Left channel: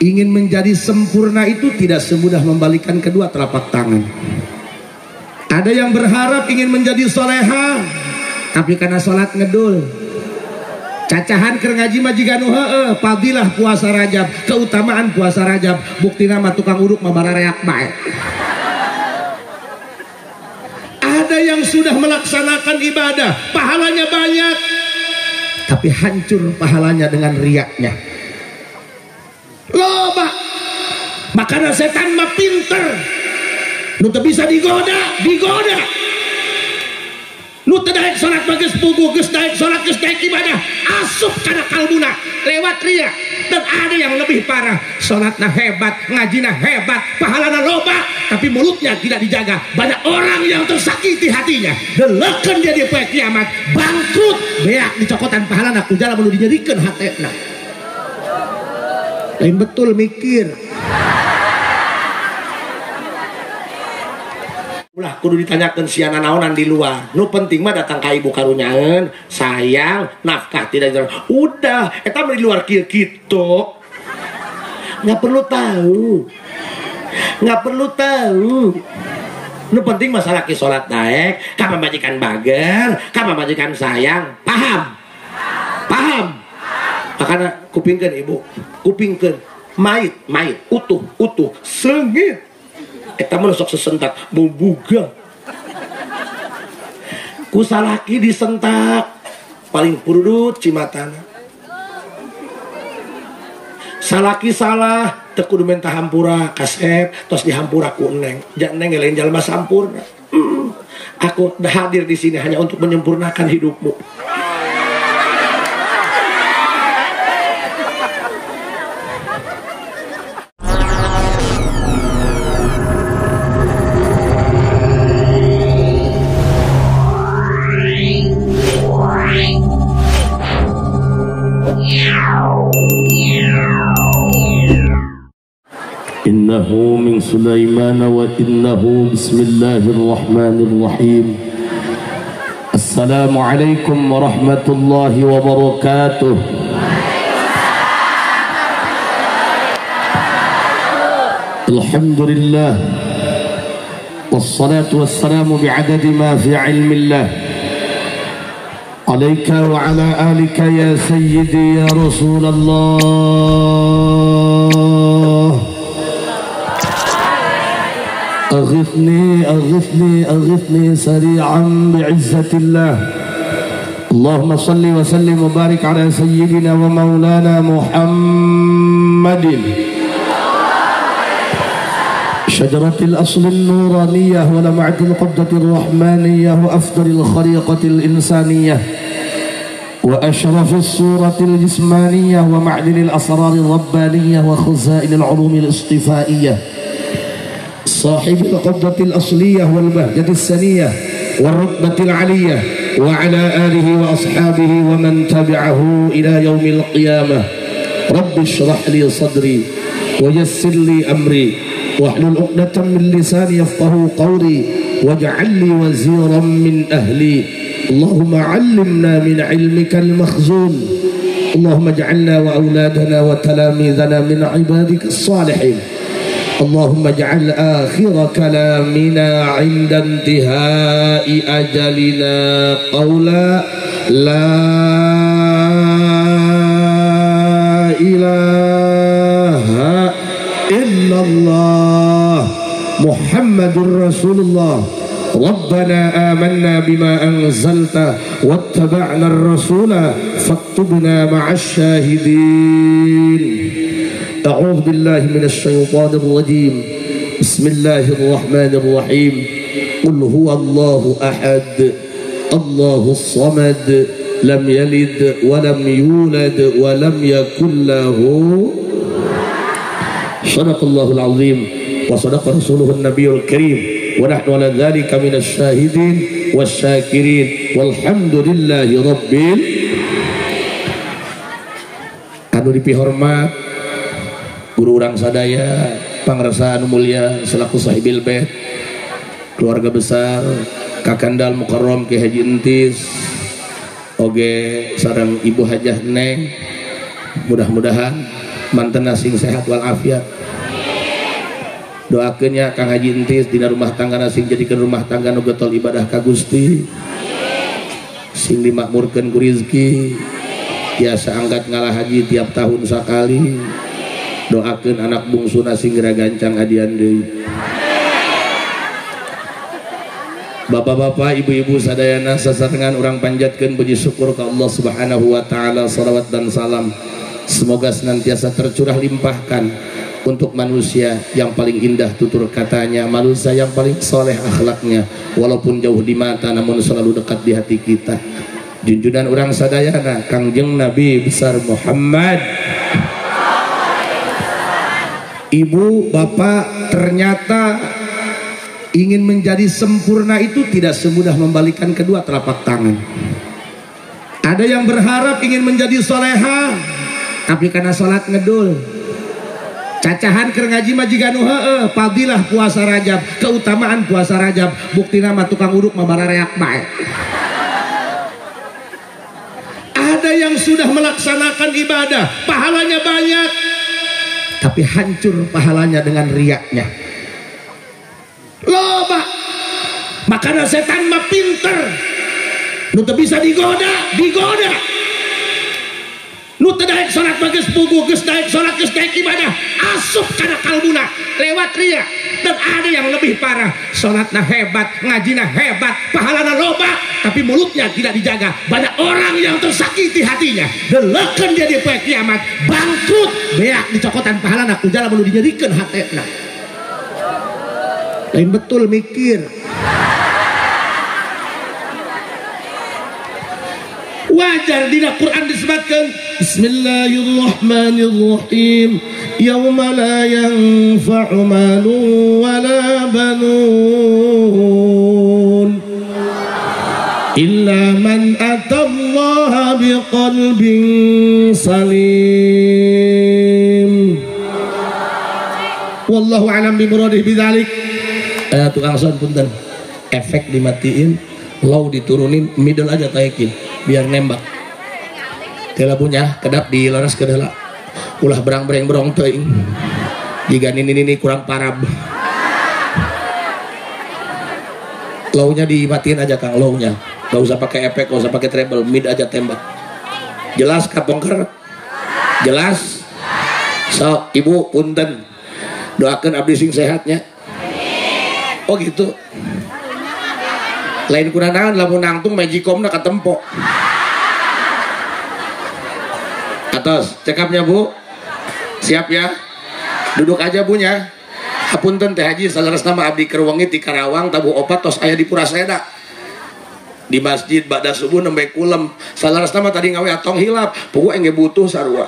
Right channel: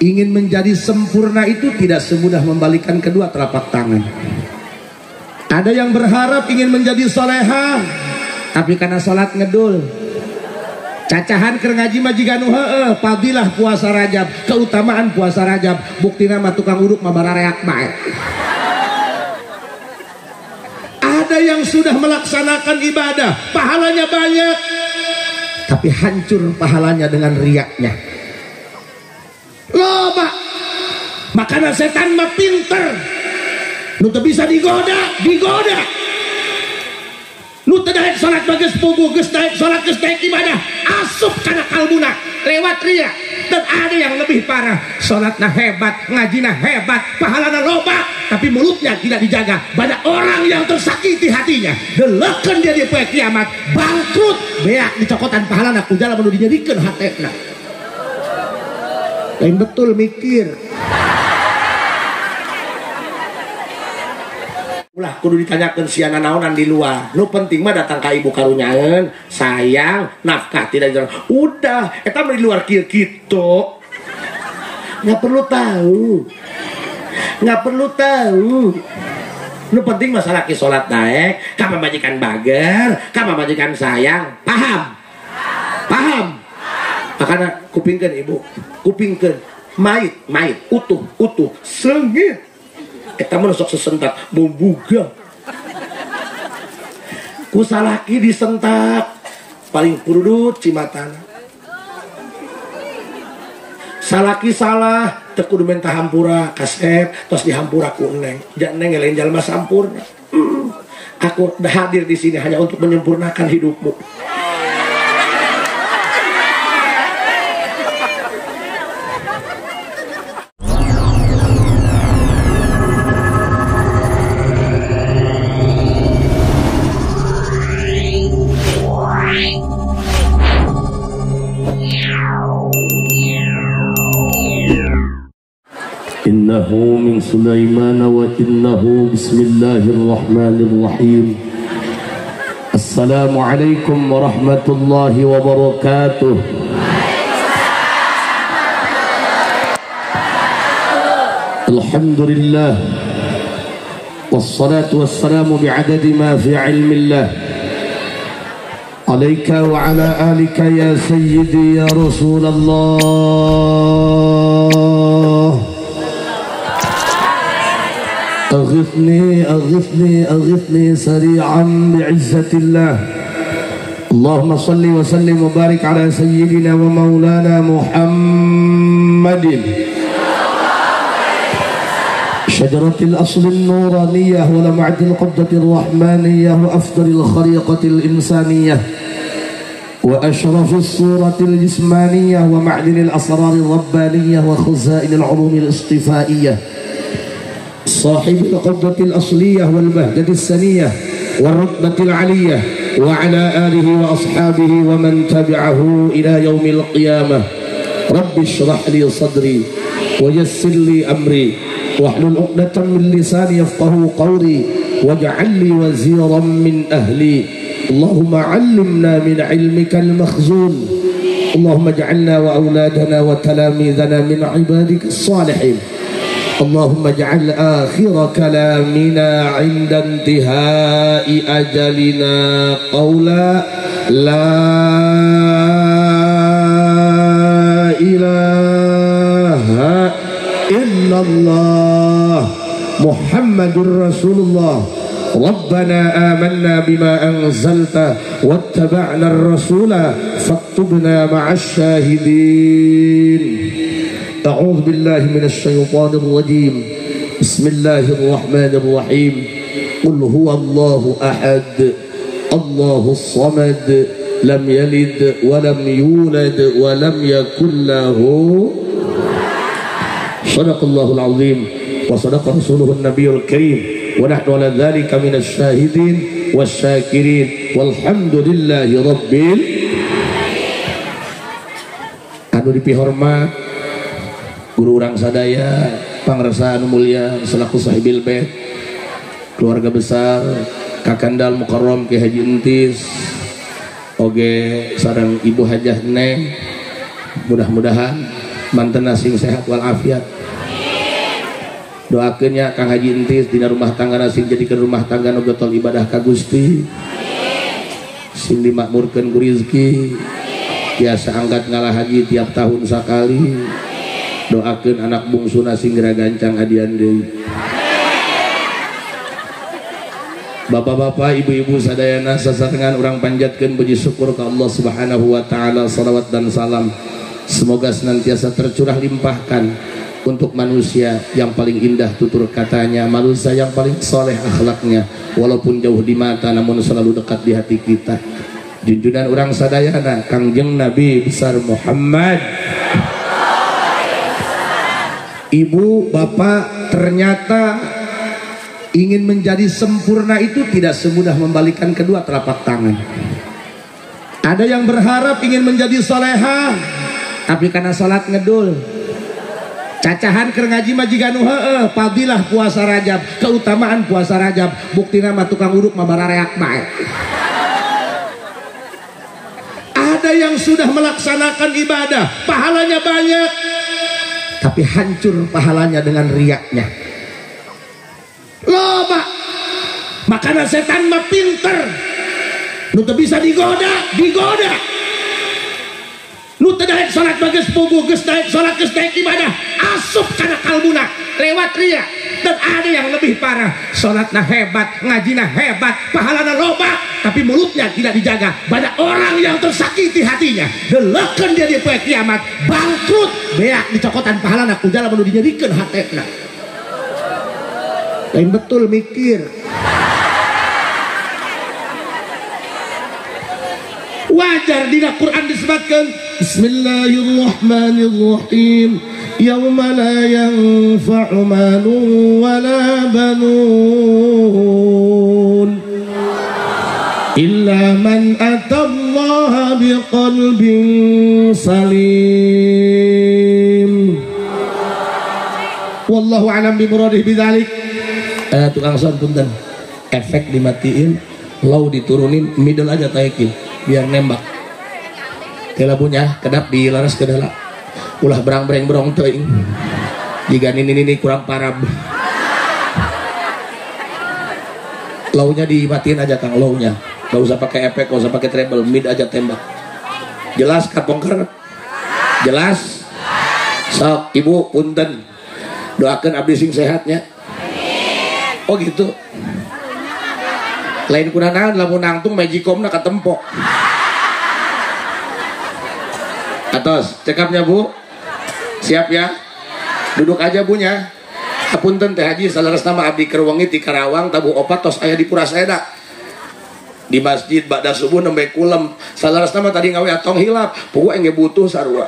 ingin menjadi sempurna itu tidak semudah membalikan kedua telapak tangan. Ada yang berharap ingin menjadi soleha, tapi karena sholat ngedul, cacahan keur ngaji majikan fadilah puasa Rajab, keutamaan puasa Rajab, bukti nama tukang uduk mabarareak bae. Ada yang sudah melaksanakan ibadah, pahalanya banyak, tapi hancur pahalanya dengan riaknya. Loba, makanya setan mah pinter, nu teu bisa digoda. Nu teu daek salat bagus puguh, geus daek salat, geus daek ibadah, asup kana kalbuna lewat riya. Dan ada yang lebih parah, salatna hebat, ngajina hebat, pahalana loba, tapi mulutnya tidak dijaga. Banyak orang yang tersakiti hatinya, delekeun dia di poe kiamat, bangkrut, beak dicokotan pahalana ku jalan anu dinyerikeun hatena. Lain betul mikir. Ulah kudu ditanyakeun siana naonan di luar. Nu penting mah datang ka ibu karunyaeun, sayang, nafkah tidak jalan. Udah, eta mah di luar kieu kitu. Nggak perlu tahu. Nu penting masalah ki salat daek, ka pamajikan bager, ka pamajikan sayang. Paham? Karena kupingkeun ibu, kupingkeun mait utuh seungit. Eta mah sok sesentak bobuga. Ku salaki disentak paling purudut cimatana. Salaki salah teu kudu menta hampura kasep tos dihampura ku Neng. Jangan Neng lain jalma sampurna. Aku hadir di sini hanya untuk menyempurnakan hidupmu. Innahu min Sulaiman wa innahu bismillahirrahmanirrahim. Assalamualaikum warahmatullahi wabarakatuh. Alhamdulillah wassalatu wassalamu bi'adadi ma fi ilmillah alaika wa ala alika ya sayyidi ya Rasulullah. أغثني سريعا بعزة الله. اللهم صل وسلم وبارك على سيدنا ومولانا محمد شجرة الأصل النورانية ولمعة القبضة الرحمانية وأفضل الخليقة الإنسانية وأشرف الصورة الجسمانية ومعدن الأسرار الربانية وخزائن العلوم الاصطفائية صاحب القبضة الأصلية والبهجة السنية والرتبة العلية وعلى آله وأصحابه ومن تبعه إلى يوم القيامة. رب اشرح لي صدري ويسر لي أمري واحلل عقدة من لساني يفقهوا قولي واجعل لي وزيرا من أهلي. اللهم علمنا من علمك المخزون. اللهم اجعلنا وأولادنا وتلاميذنا من عبادك الصالحين. اللهم اجعل آخر كلامنا عند انتهاء أجلنا قولا لا إله إلا الله محمد رسول الله. ربنا آمنا بما أنزلت واتبعنا الرسول فاكتبنا مع الشاهدين. أعوذ بالله من الشيطان الرجيم. بسم الله الرحمن الرحيم. قل هو الله أحد الله الصمد لم يلد ولم يولد ولم يكن له. صدق الله العظيم وصدق رسوله النبي الكريم ونحن على ذلك من الشاهدين والشاكرين والحمد لله رب. Anu dipihormat guru urang sadaya, pangresa anu mulia selaku sahibil bait, keluarga besar Kakandal Mukarram Ki Haji Entis, oge sareng Ibu Hajah Neng, mudah-mudahan mantena sing sehat walafiat. Doakeunnya Kang Haji Entis dina rumah tangga sing jadikeun rumah tangga nu getol ibadah ka Gusti, sing dimakmurkeun ku rezeki, biasa angkat ngalah haji tiap tahun sakali. Doakeun anak bungsuna sing geura gancang hadian deui. Bapak-bapak, ibu-ibu sadayana sasarengan urang panjatkeun puji syukur ka Allah Subhanahu wa taala, salawat dan salam semoga senantiasa tercurah limpahkan untuk manusia yang paling indah tutur katanya, manusia yang paling soleh akhlaknya, walaupun jauh di mata namun selalu dekat di hati kita. Junjungan urang sadayana Kangjeng Nabi besar Muhammad. Ibu, bapak, ternyata ingin menjadi sempurna itu tidak semudah membalikan kedua telapak tangan. Ada yang berharap ingin menjadi soleha, tapi karena sholat ngedul, cacahan keur ngaji majikan heueuh, fadilah puasa Rajab, keutamaan puasa Rajab, buktina mah tukang uruk mah barareak bae. Ada yang sudah melaksanakan ibadah, pahalanya banyak, tapi hancur pahalanya dengan riaknya. Loba, makanya setan mah pinter, nu teu bisa digoda. Nu teu daek salat bageus puguh, geus daek salat, geus daek ibadah, asup kana kalbuna lewat ria. Dan ada yang lebih parah, salatna hebat, ngajina hebat, pahalana loba, tapi mulutnya tidak dijaga. Banyak orang yang tersakiti hatinya, delekeun dia di poe kiamat, bangkrut, beak dicokotan pahalana ku jala nu dinyerikeun hatena. Lain betul mikir. Wajar di Quran disebutkan Bismillahirrahmanirrahim, yauma la yanfa'u malun wala banun illa man atallaha biqalbin salim. Wallahu a'lam bimuradih bidzalik. Tukang son punten, efek dimatiin, low diturunin, middle aja taekin biar nembak. Kela punya kedap di laras kedala, ulah berang-bereng teuing. Jika ini kurang parab, low-nya dimatiin aja Kang, low-nya gak usah pakai efek, gak usah pakai treble, mid aja tembak. Jelas kapongker? Jelas? So, ibu punten, doakan abdi sing sehatnya. Oh gitu. Lain kunanan lamun nangtung majikomna katempo. Atos, cekapnya Bu. Siap ya? Duduk aja bunya. Hapunten teh haji salerasna mah abdi keur wengi ti Karawang tabu opat tos aya di Puraseda. Di masjid ba'da subuh nembe kulem. Salerasna mah tadi ngawe atong hilap, pugu engge butuh sarua.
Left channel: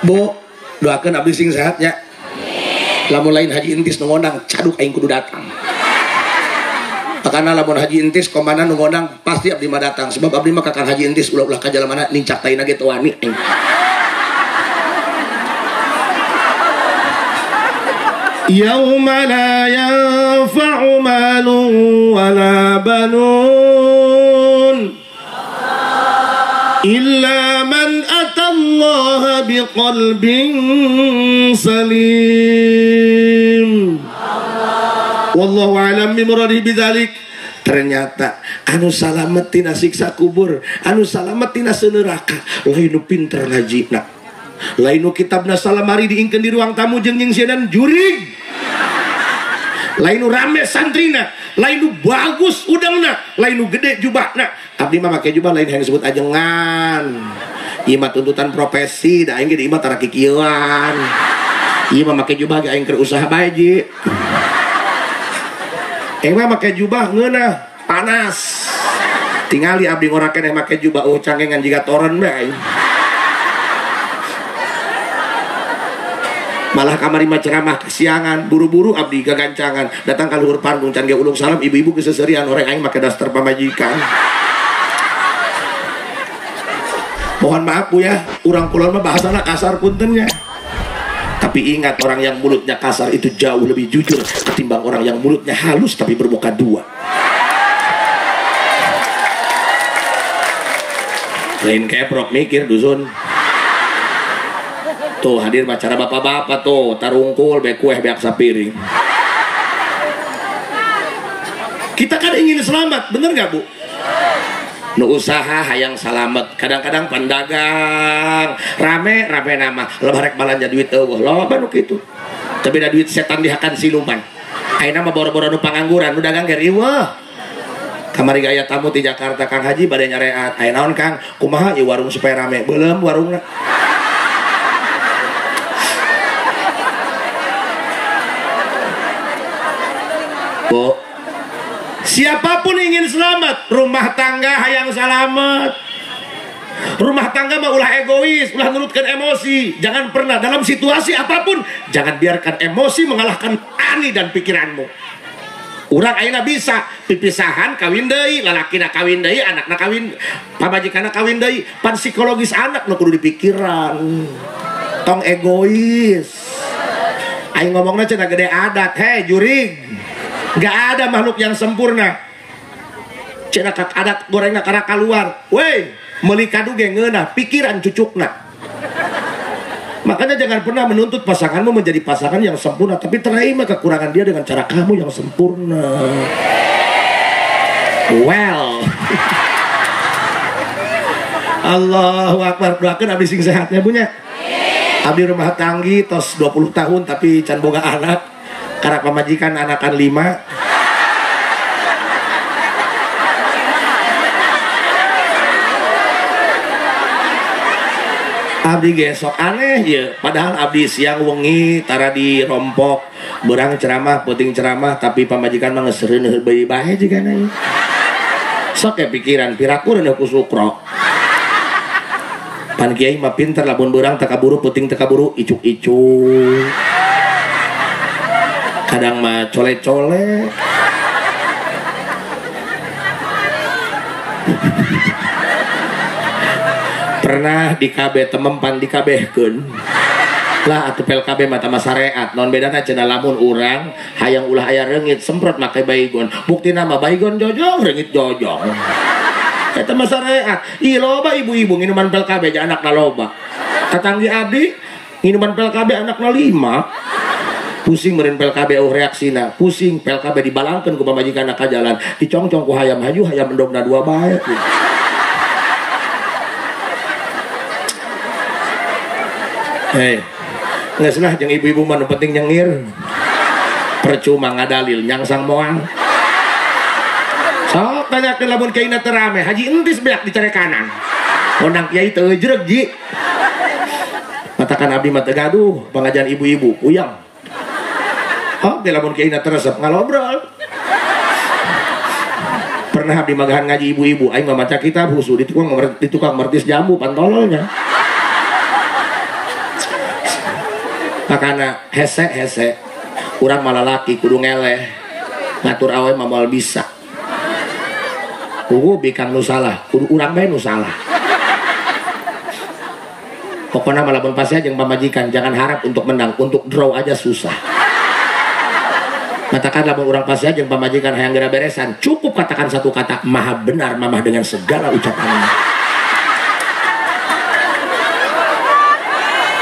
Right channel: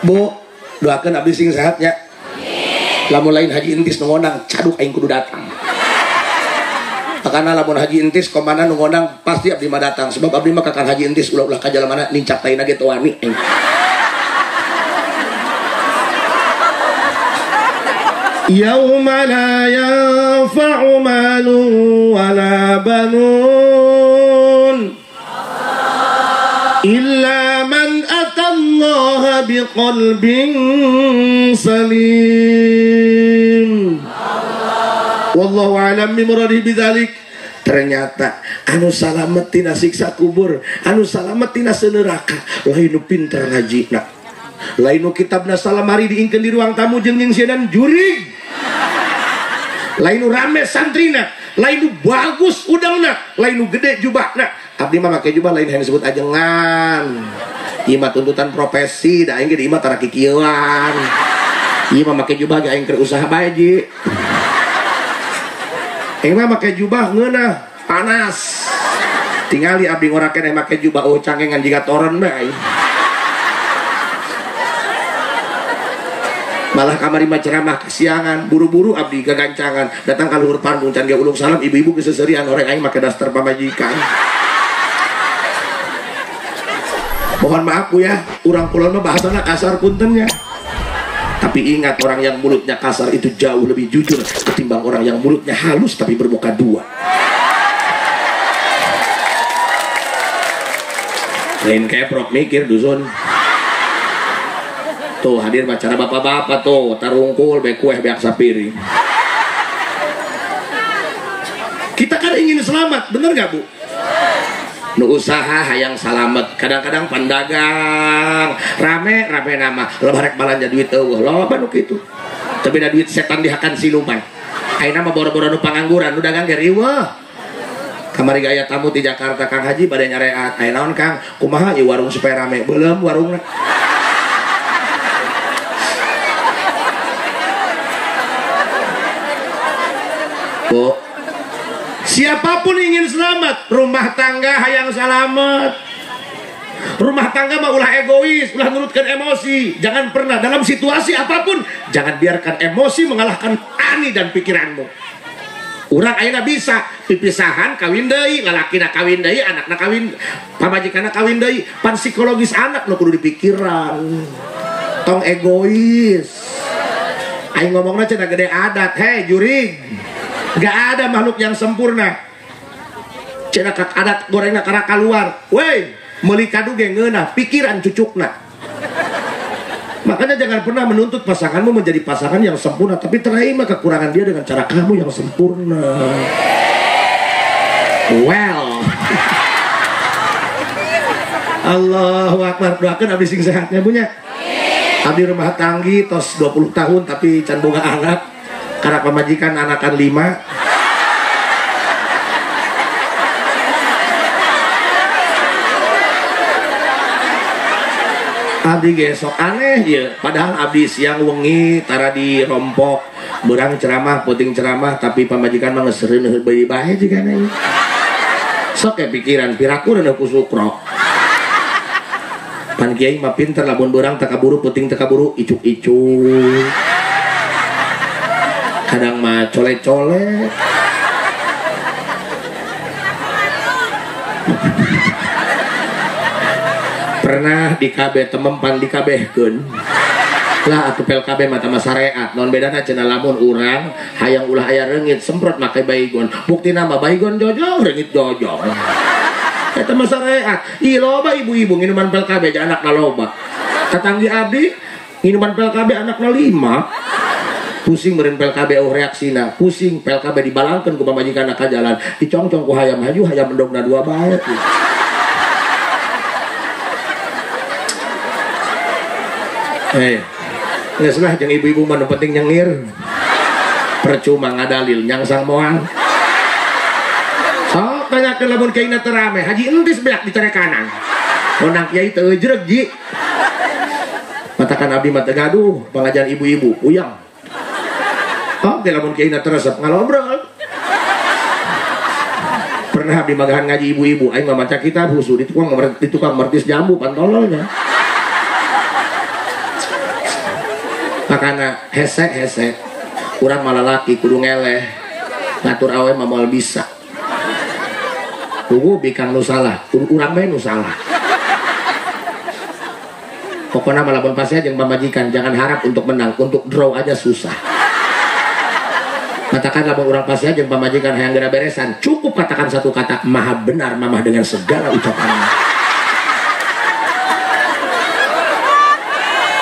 Bu, doakeun abdi sing sehatnya. Lamun lain Haji Entis nu ngondang, caduk aing kudu datang. Makana lamun Haji Entis komana nu ngondang pasti abdi mah datang, sebab abdi mah kakang Haji Entis ulah-ulah ka jalamana nincak taina ge teu wani. Yauma la yanfa'u malun wala banun illa man atallaha biqalbin salim. Wallahu a'lam bimuradih bidzalik. Ternyata anu salamet tina siksa kubur, anu salamet tina neraka, lain nu pinter ngajina, lain nu kitabna salamari diingkeun di ruang tamu jeung sieunan jurig, lain nu rame santrina, lain nu bagus udangna, lain nu gede jubahna. Abdi mah make jubah lain yang disebut ajengan. Ieu mah tuntutan profesi, da aing ge di imah tara kikieuan. Ieu mah make jubah ge aing keur usaha bae ji. Aing mah make jubah ngeunah panas. Tingali abdi ngorakeun yang make jubah cangengan jiga toron bae. Malah kamari mah ceramah kesiangan, buru-buru abdi gagancangan, datang ka luhur panggung can ge ulung salam ibu-ibu geus seuseurean horeng aing make daster pamajikan. Mohon maaf Bu ya, urang kulon mah bahasana kasar puntennya. Tapi ingat, orang yang mulutnya kasar itu jauh lebih jujur ketimbang orang yang mulutnya halus tapi bermuka dua. lain keprok mikir dusun. Tuh hadir acara bapak-bapak tuh tarungkul be kueh beak sapiring. Kita kan ingin selamat, bener gak Bu? Nu usaha hayang salamet, kadang-kadang pandagang rame nama lebarek balanja duit eueuh loba nu kitu. Tapi da duit setan dihakan siluman. Ayeuna mah boro-boro nu pangangguran nu dagang ge riweuh. Kamari aya tamu di Jakarta Kang Haji bade nyareat. Aya naon Kang? Kumaha ieu warung supaya rame? Beuleum warungna. Bu, siapapun ingin selamat, rumah tangga hayang selamat. Rumah tangga mah ulah egois, ulah nurutkan emosi. Jangan pernah dalam situasi apapun, jangan biarkan emosi mengalahkan ani dan pikiranmu. Urang ayeuna bisa pipisahan kawin deui, lalakina kawin deui, anakna kawin, pamajikanna kawin deui. Pan psikologis anak nu kudu dipikiran. Tong egois. Aing ngomongna cenah gede adat, hei jurig. Gak ada makhluk yang sempurna. Cenah adat gorengna kara keluar. Weh, meuli kadu ge ngeunah, pikiran cucukna. Makanya jangan pernah menuntut pasanganmu menjadi pasangan yang sempurna, tapi terima kekurangan dia dengan cara kamu yang sempurna. Well. Allahu Akbar. Doakeun abdi sing sehatnya punya. Abdi rumah tanggi tos 20 tahun tapi can boga anak. Karena pemajikan anakan 5. Abdi gesok aneh ya. Padahal abdi siang wengi tara di rompok berang ceramah, puting ceramah, tapi pamajikan mah ngeseureun bae bae juga nih. Sok ya pikiran piraku reueuh ku sukro. Pan kiai mah pinter lamun berang teu kaburu puting teu kaburu icuk-icuk. Kadang mah colek-colek. Pernah di KB temempan di kabehkeun lah atuh pel KB mata syariat non bedana cenah lamun urang hayang ulah aya reungit semprot make baygon buktina mah baygon jojong reungit jojong eta mah syariat. Ieu loba ibu-ibu minuman pel KB ja anakna loba. Tatanggi abdi minuman pel KB anakna 5. Pusing meureun pel KB reaksina, pusing pel KB dibalangkeun ku pamajikanna ka jalan, dicongcong ku hayam haju hayam endogna 2 bae. Hei, geus lah jeung ibu-ibu mah nu penting nyengir. Percuma ngadalil nyangsang moal. Sok tanyakeun lamun kiaina teu rame, haji entis beak di care kanan. Undang kiai teu jeureg ji. Katakan abdi mah teu gaduh, pangajian ibu-ibu, uyang. Oke, lamun kiaina teu resep ngalobrol. Pernah abdi magahan ngaji ibu-ibu, aing mah maca kitab husu di tukang mertis jambu pantololnya. Makana hese urang malah laki kudu ngeleh ngatur awe mah moal bisa kudu bikang nu salah kudu urang bae nu salah. Pokoknya malah pasnya jeung pamajikan jangan harap untuk menang, untuk draw aja susah. Katakan lamun urang pasnya jeung pamajikan hayang geura beresan cukup katakan satu kata maha benar mamah dengan segala ucapannya.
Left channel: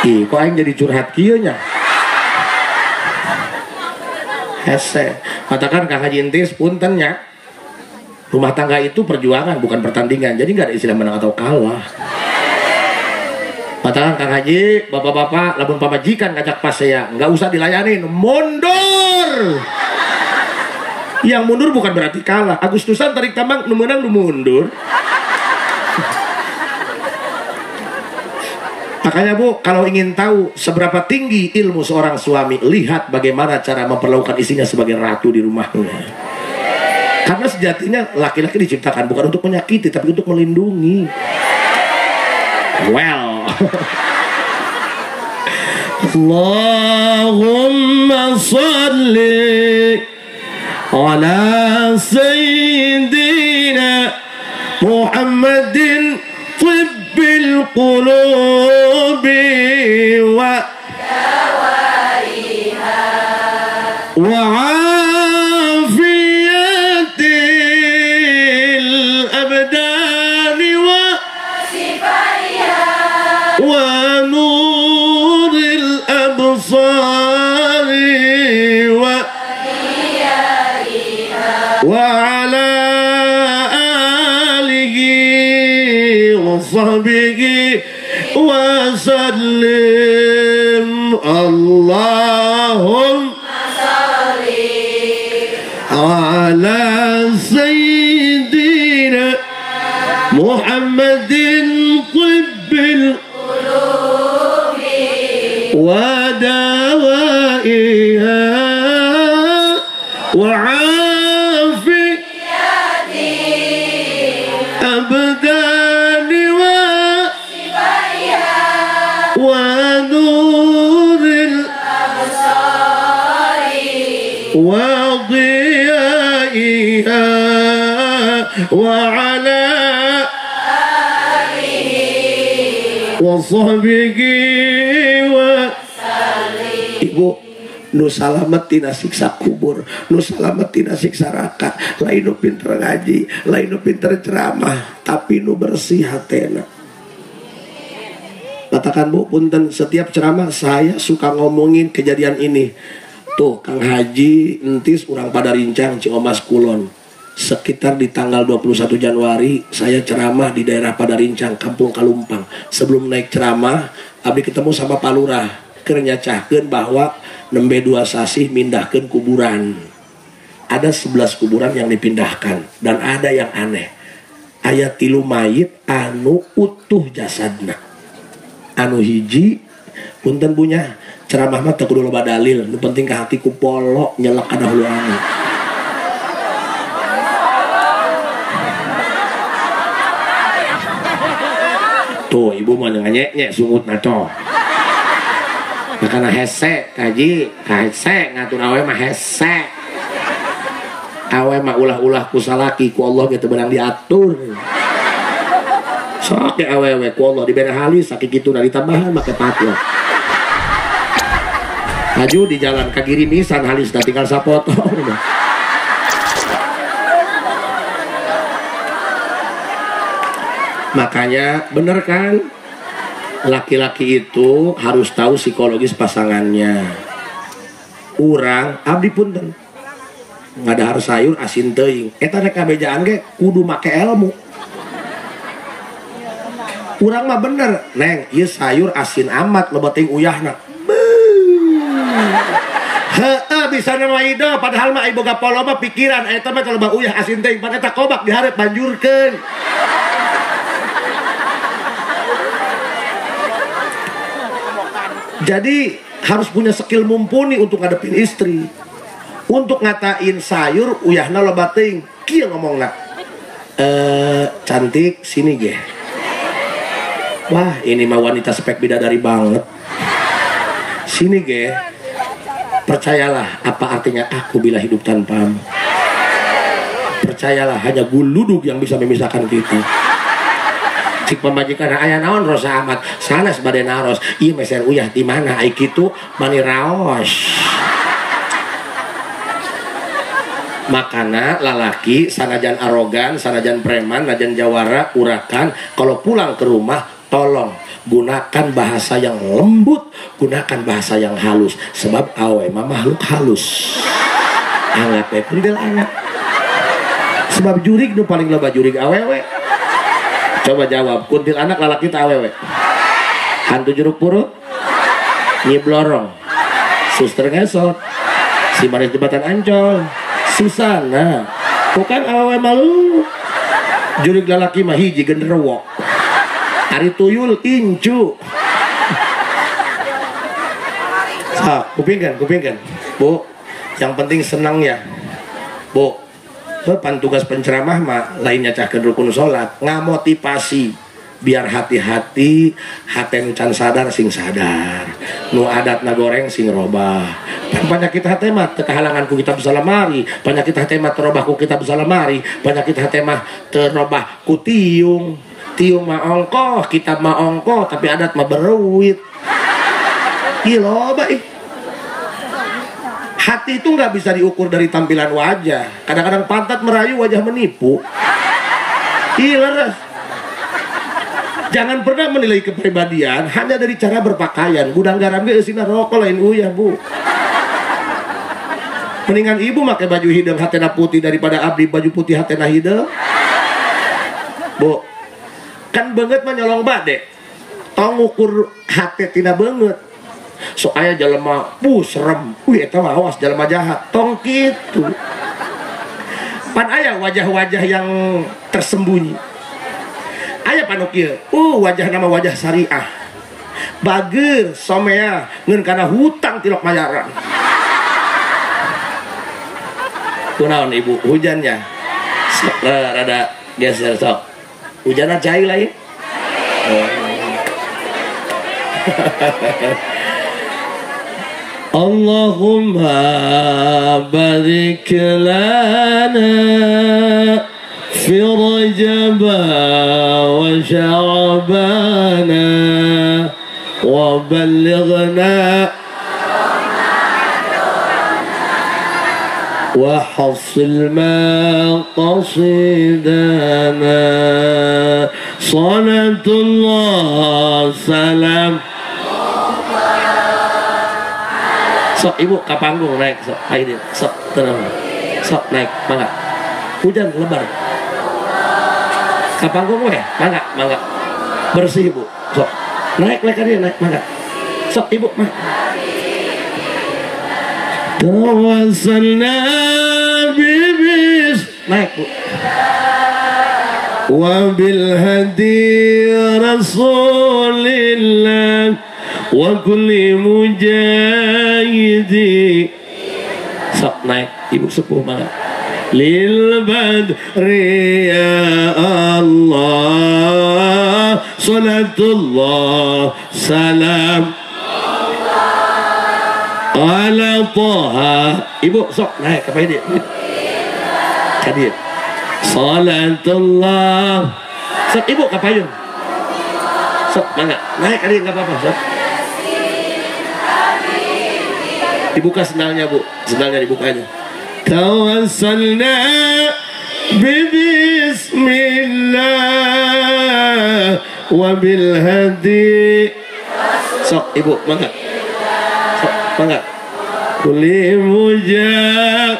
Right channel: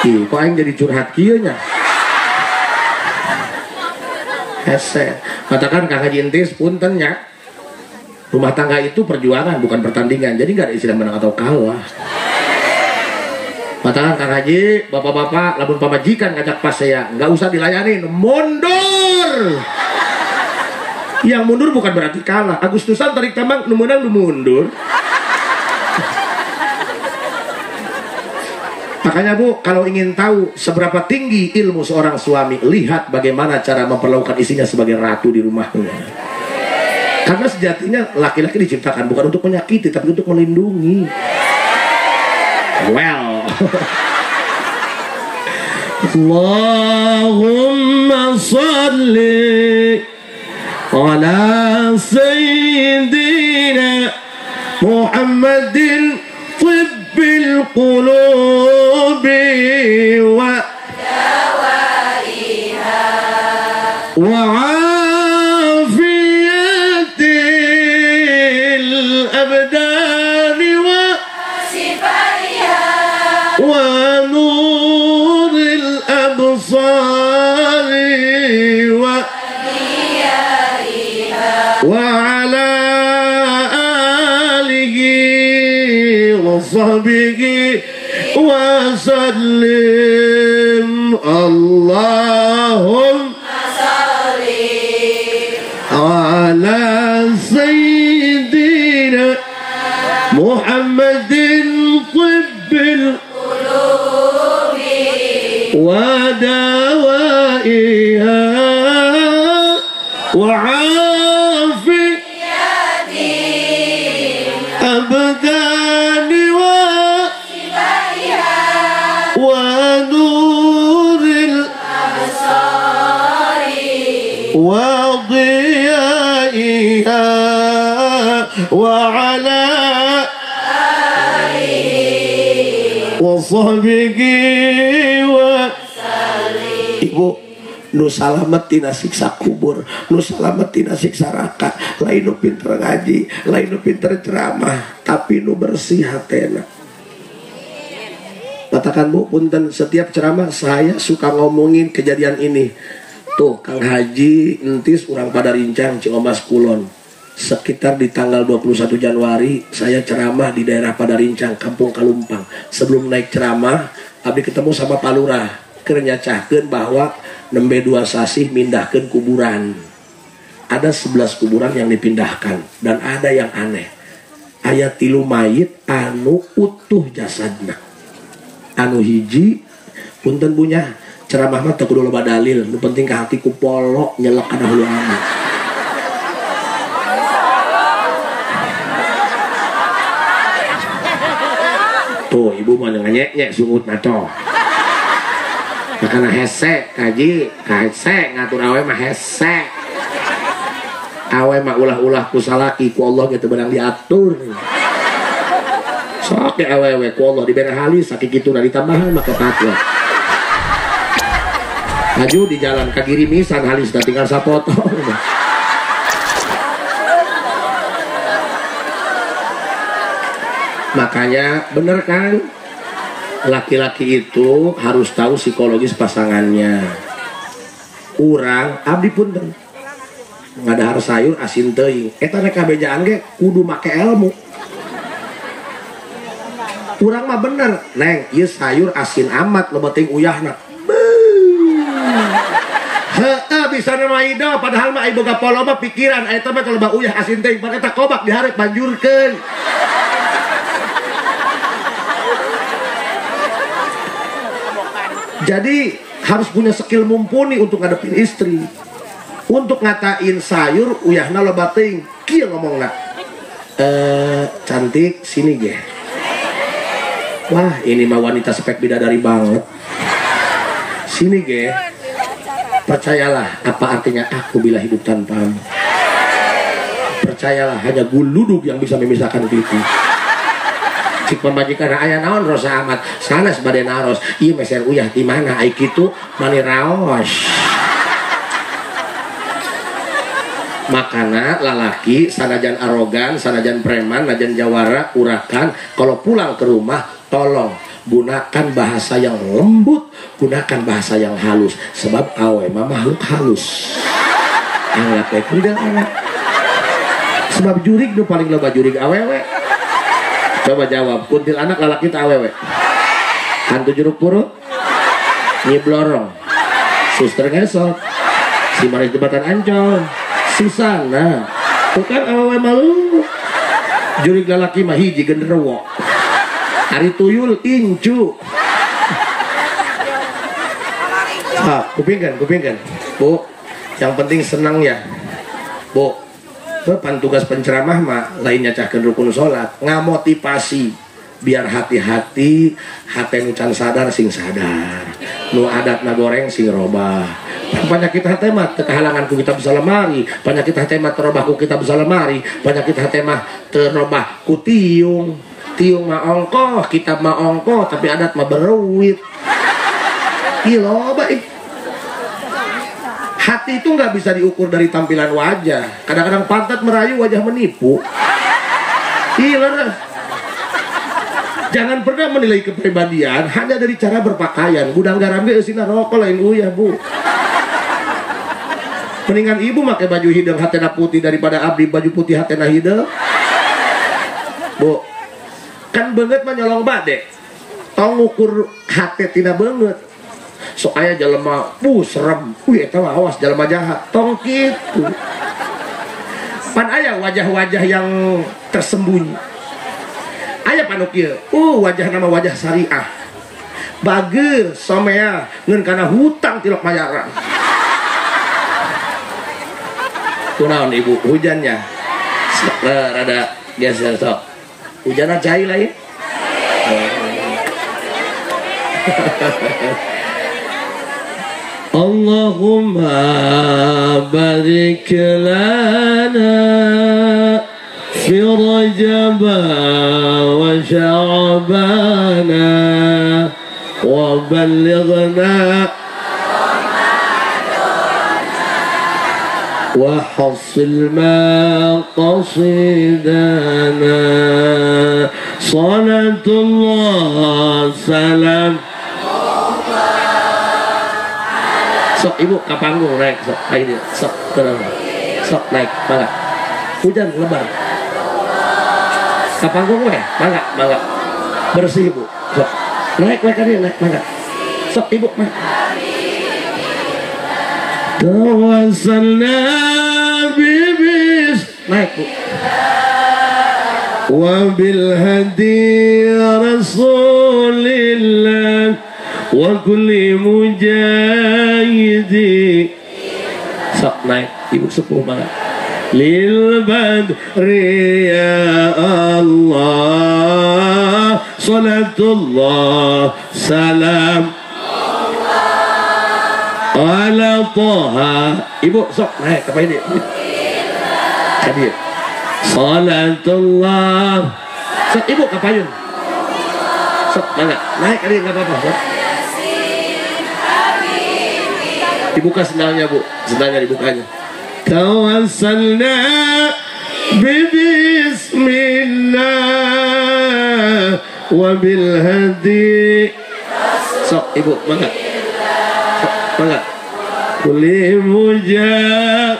Ih, kok aing jadi curhat kieu nya. Hese. Katakan Kang Haji entis punten nya. Rumah tangga itu perjuangan bukan pertandingan. Jadi enggak ada istilah menang atau kalah. Katakan Kang Haji, bapak-bapak, lamun pamajikan ngajak pas saya, enggak usah dilayanin, mundur. Yang mundur bukan berarti kalah. Agustusan tarik tambang nu meunang nu mundur. Makanya Bu, kalau ingin tahu seberapa tinggi ilmu seorang suami, lihat bagaimana cara memperlakukan istrinya sebagai ratu di rumahnya. Karena sejatinya laki-laki diciptakan bukan untuk menyakiti, tapi untuk melindungi. Well. Allahumma salli ala sayyidina Muhammadin بالقلوب وعافية الأبدان sahbihi wa sallim. Allahumma salli ala sayyidina Muhammadin tibbil qulubi wa dawaiha wa abdani wa nuril absari wa diyaiha wa ala alihi wa sahbihi wa sallim. Ibu, nu salamet tina siksa kubur, nu salamet tina siksa neraka. Lain nu pinter ngaji, lain nu pinter ceramah, tapi nu bersih hatena. Katakan Bu, punten, setiap ceramah saya suka ngomongin kejadian ini. Tuh, Kang Haji entis urang pada rincang Ciomas Kulon. Sekitar di tanggal 21 Januari saya ceramah di daerah Padarincang, Kampung Kalumpang. Sebelum naik ceramah, abdi ketemu sama Pak Lurah. Keur nyacahkeun bahwa nembe 2 sasih mindahkeun kuburan. Ada 11 kuburan yang dipindahkan dan ada yang aneh. Aya 3 mayit anu utuh jasadna. Anu hiji punten punya ceramah mah teu kudu loba dalil, nu penting ka hati ku polo nyelek kana huluana. Tuh ibu mah nganyek-nyek sumutna toh. Makana hese kaji, hese ngatur awe mah hese. Awe mah ulah-ulah ku salaki ku Allah ge teu beunang diatur. Sok awewe ku Allah dibere halis sakit kitu na ditambahan make patwa. Maju di jalan ka Girimisan halis da tinggal sapoto. Makanya bener kan, laki-laki itu harus tahu psikologis pasangannya. Urang abdi punten ngadahar sayur asin teuing, eta rek kabejaan ge kudu make ilmu. Urang mah bener, neng, ieu sayur asin amat lo penting uyahna. Heeh, bisa nama ido, padahal mah ibu boga pola mah pikiran eta mah kalau bah uyah asin teuing pan eta kobak dihareup banjurkeun. Jadi harus punya skill mumpuni untuk ngadepin istri. Untuk ngatain sayur uyahna loba teuing, kieu ngomongna. Cantik sini ge. Wah, ini mah wanita spek bidadari banget. Sini ge. Percayalah apa artinya aku bila hidup tanpamu. Percayalah hanya guludug yang bisa memisahkan kita. Cik pembajikan aya naon rosa amat sanes bade naros. Ieu meser uyah di mana ai kitu mani raos. Makana lalaki sanajan arogan, sanajan preman, sanajan jawara, urakan, kalau pulang ke rumah tolong gunakan bahasa yang lembut, gunakan bahasa yang halus. Sebab awe mah makhluk halus. Angat teh kudu angat. Sebab jurig nu paling loba jurig awewe. Coba jawab, kuntil anak lalaki teh awewe. Hantu jeruk purut, Nyi Blorong, Suster Ngesot, si Maris Jembatan Ancol, si Sana. Bukan awewe malu. Jurig lalaki mah hiji genderuwo. Ari tuyul incu. Kupingkan. Bu, yang penting senang ya. Bu, pan tugas penceramah mah lainnya cahkeun rukun salat, ngamotivasi biar hati-hati, hati nu can sadar sing sadar. Nu adatna goreng sing robah. Penyakit hati mah teu kahalangan ku kitab salamari, penyakit hati mah terobah ku kitab salamari, penyakit hati mah terobah ku tiung. Tiung mah ongkoh, kitab mah ongkoh, tapi adat mah beruit. Loba. Hati itu nggak bisa diukur dari tampilan wajah. Kadang-kadang pantat merayu, wajah menipu. Hiler. Jangan pernah menilai kepribadian hanya dari cara berpakaian. Gudang garam ge eusina rokok lain uyah, Bu. Mendingan ibu pakai baju hidung hatena putih daripada abdi baju putih hatena hidung. Bu, kan banget mah nyolong bade tong ngukur hati tina banget sok aya jelema serem eta awas jelema jahat tong kitu pan aya wajah-wajah yang tersembunyi aya panu kieu wajah nama wajah syariah bageur somea ngeun kana hutang tilok mayaran kunaon ibu hujannya rada geser sok hujanna cai lain Allahumma barik lana fi Rajab wa Sya'ban wa ballighna wa hassil maqasidana salatullah salam. Sok ibu ke panggung naik sok ini sok tenang sok naik mangga hujan lebar ke panggung mangga bersih ibu sok naik tadi naik mangga sok ibu mah tawassalna bibis naik bu wa bil hadi rasulillah wa kulli mujahidi sok naik ibu sepuh banget lil badri ya Allah salatullah salam ala Taha ibu sok naik apa ini hadir salatullah sok ibu ke payung sok mana naik kali nggak apa-apa sok dibuka sendalnya bu sendalnya dibukanya tawassalna bismillah wa bil hadi sok ibu mangga sok mangga kulli mujah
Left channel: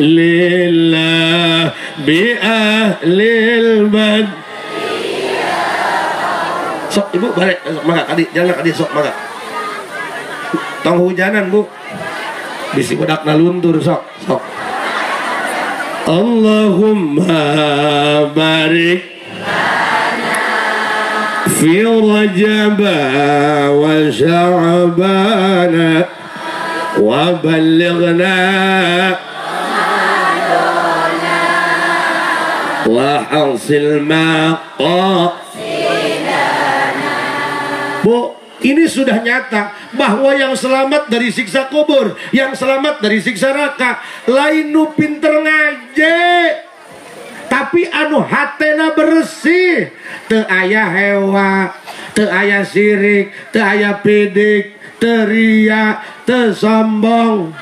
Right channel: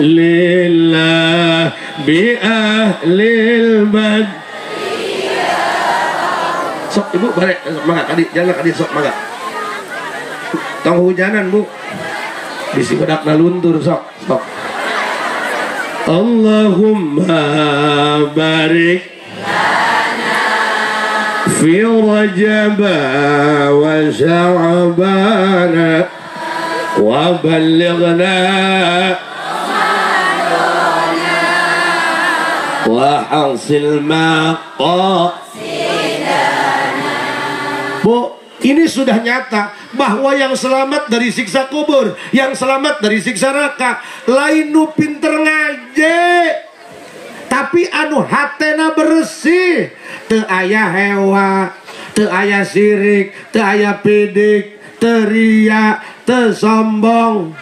lillah bi ahlil bad sok ibu balik mangga tadi jangan tadi sok mangga tong hujanan bu bisi budak naluntur sok Allahumma barik fi Rajab wa Sya'ban wa ballighna wa hasil bu ini sudah nyata bahwa yang selamat dari siksa kubur, yang selamat dari siksa neraka, lain nu pinter ngaje, tapi anu hatena bersih, teu aya hewa, teu aya sirik, teu aya pidik, teu ria, teu sombong.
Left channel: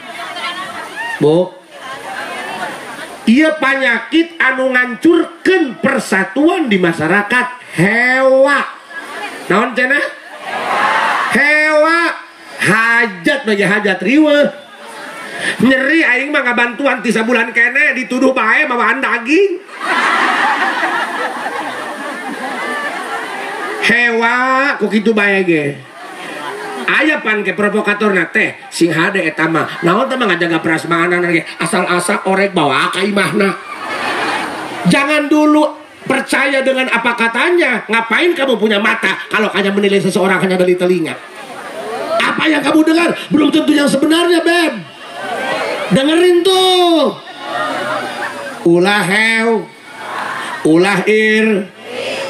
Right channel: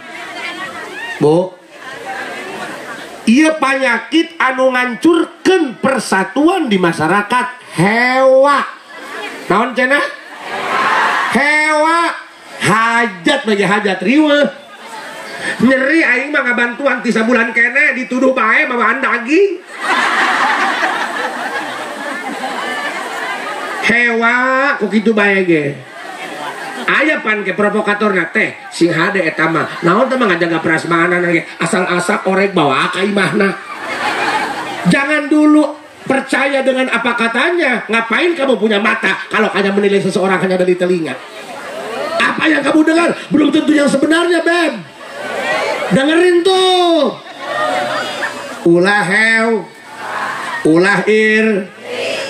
Bu, ieu panyakit anu ngancurkeun persatuan di masyarakat hewa. Naon cenah? Hewa hajat bagi hajat riweuh nyeri aing mah ngabantuan 3 bulan kene dituduh bae bawaan daging hewa kok kitu bae ge aya pan ke provokatorna teh sing hade eta mah naon teh mah ngajaga prasmanan ge asal-asal orek bawa ka imahna jangan dulu percaya dengan apa katanya. Ngapain kamu punya mata kalau hanya menilai seseorang hanya dari telinga? Apa yang kamu dengar belum tentu yang sebenarnya, Beb. Dengerin tuh. Ulah hew, ulah ir,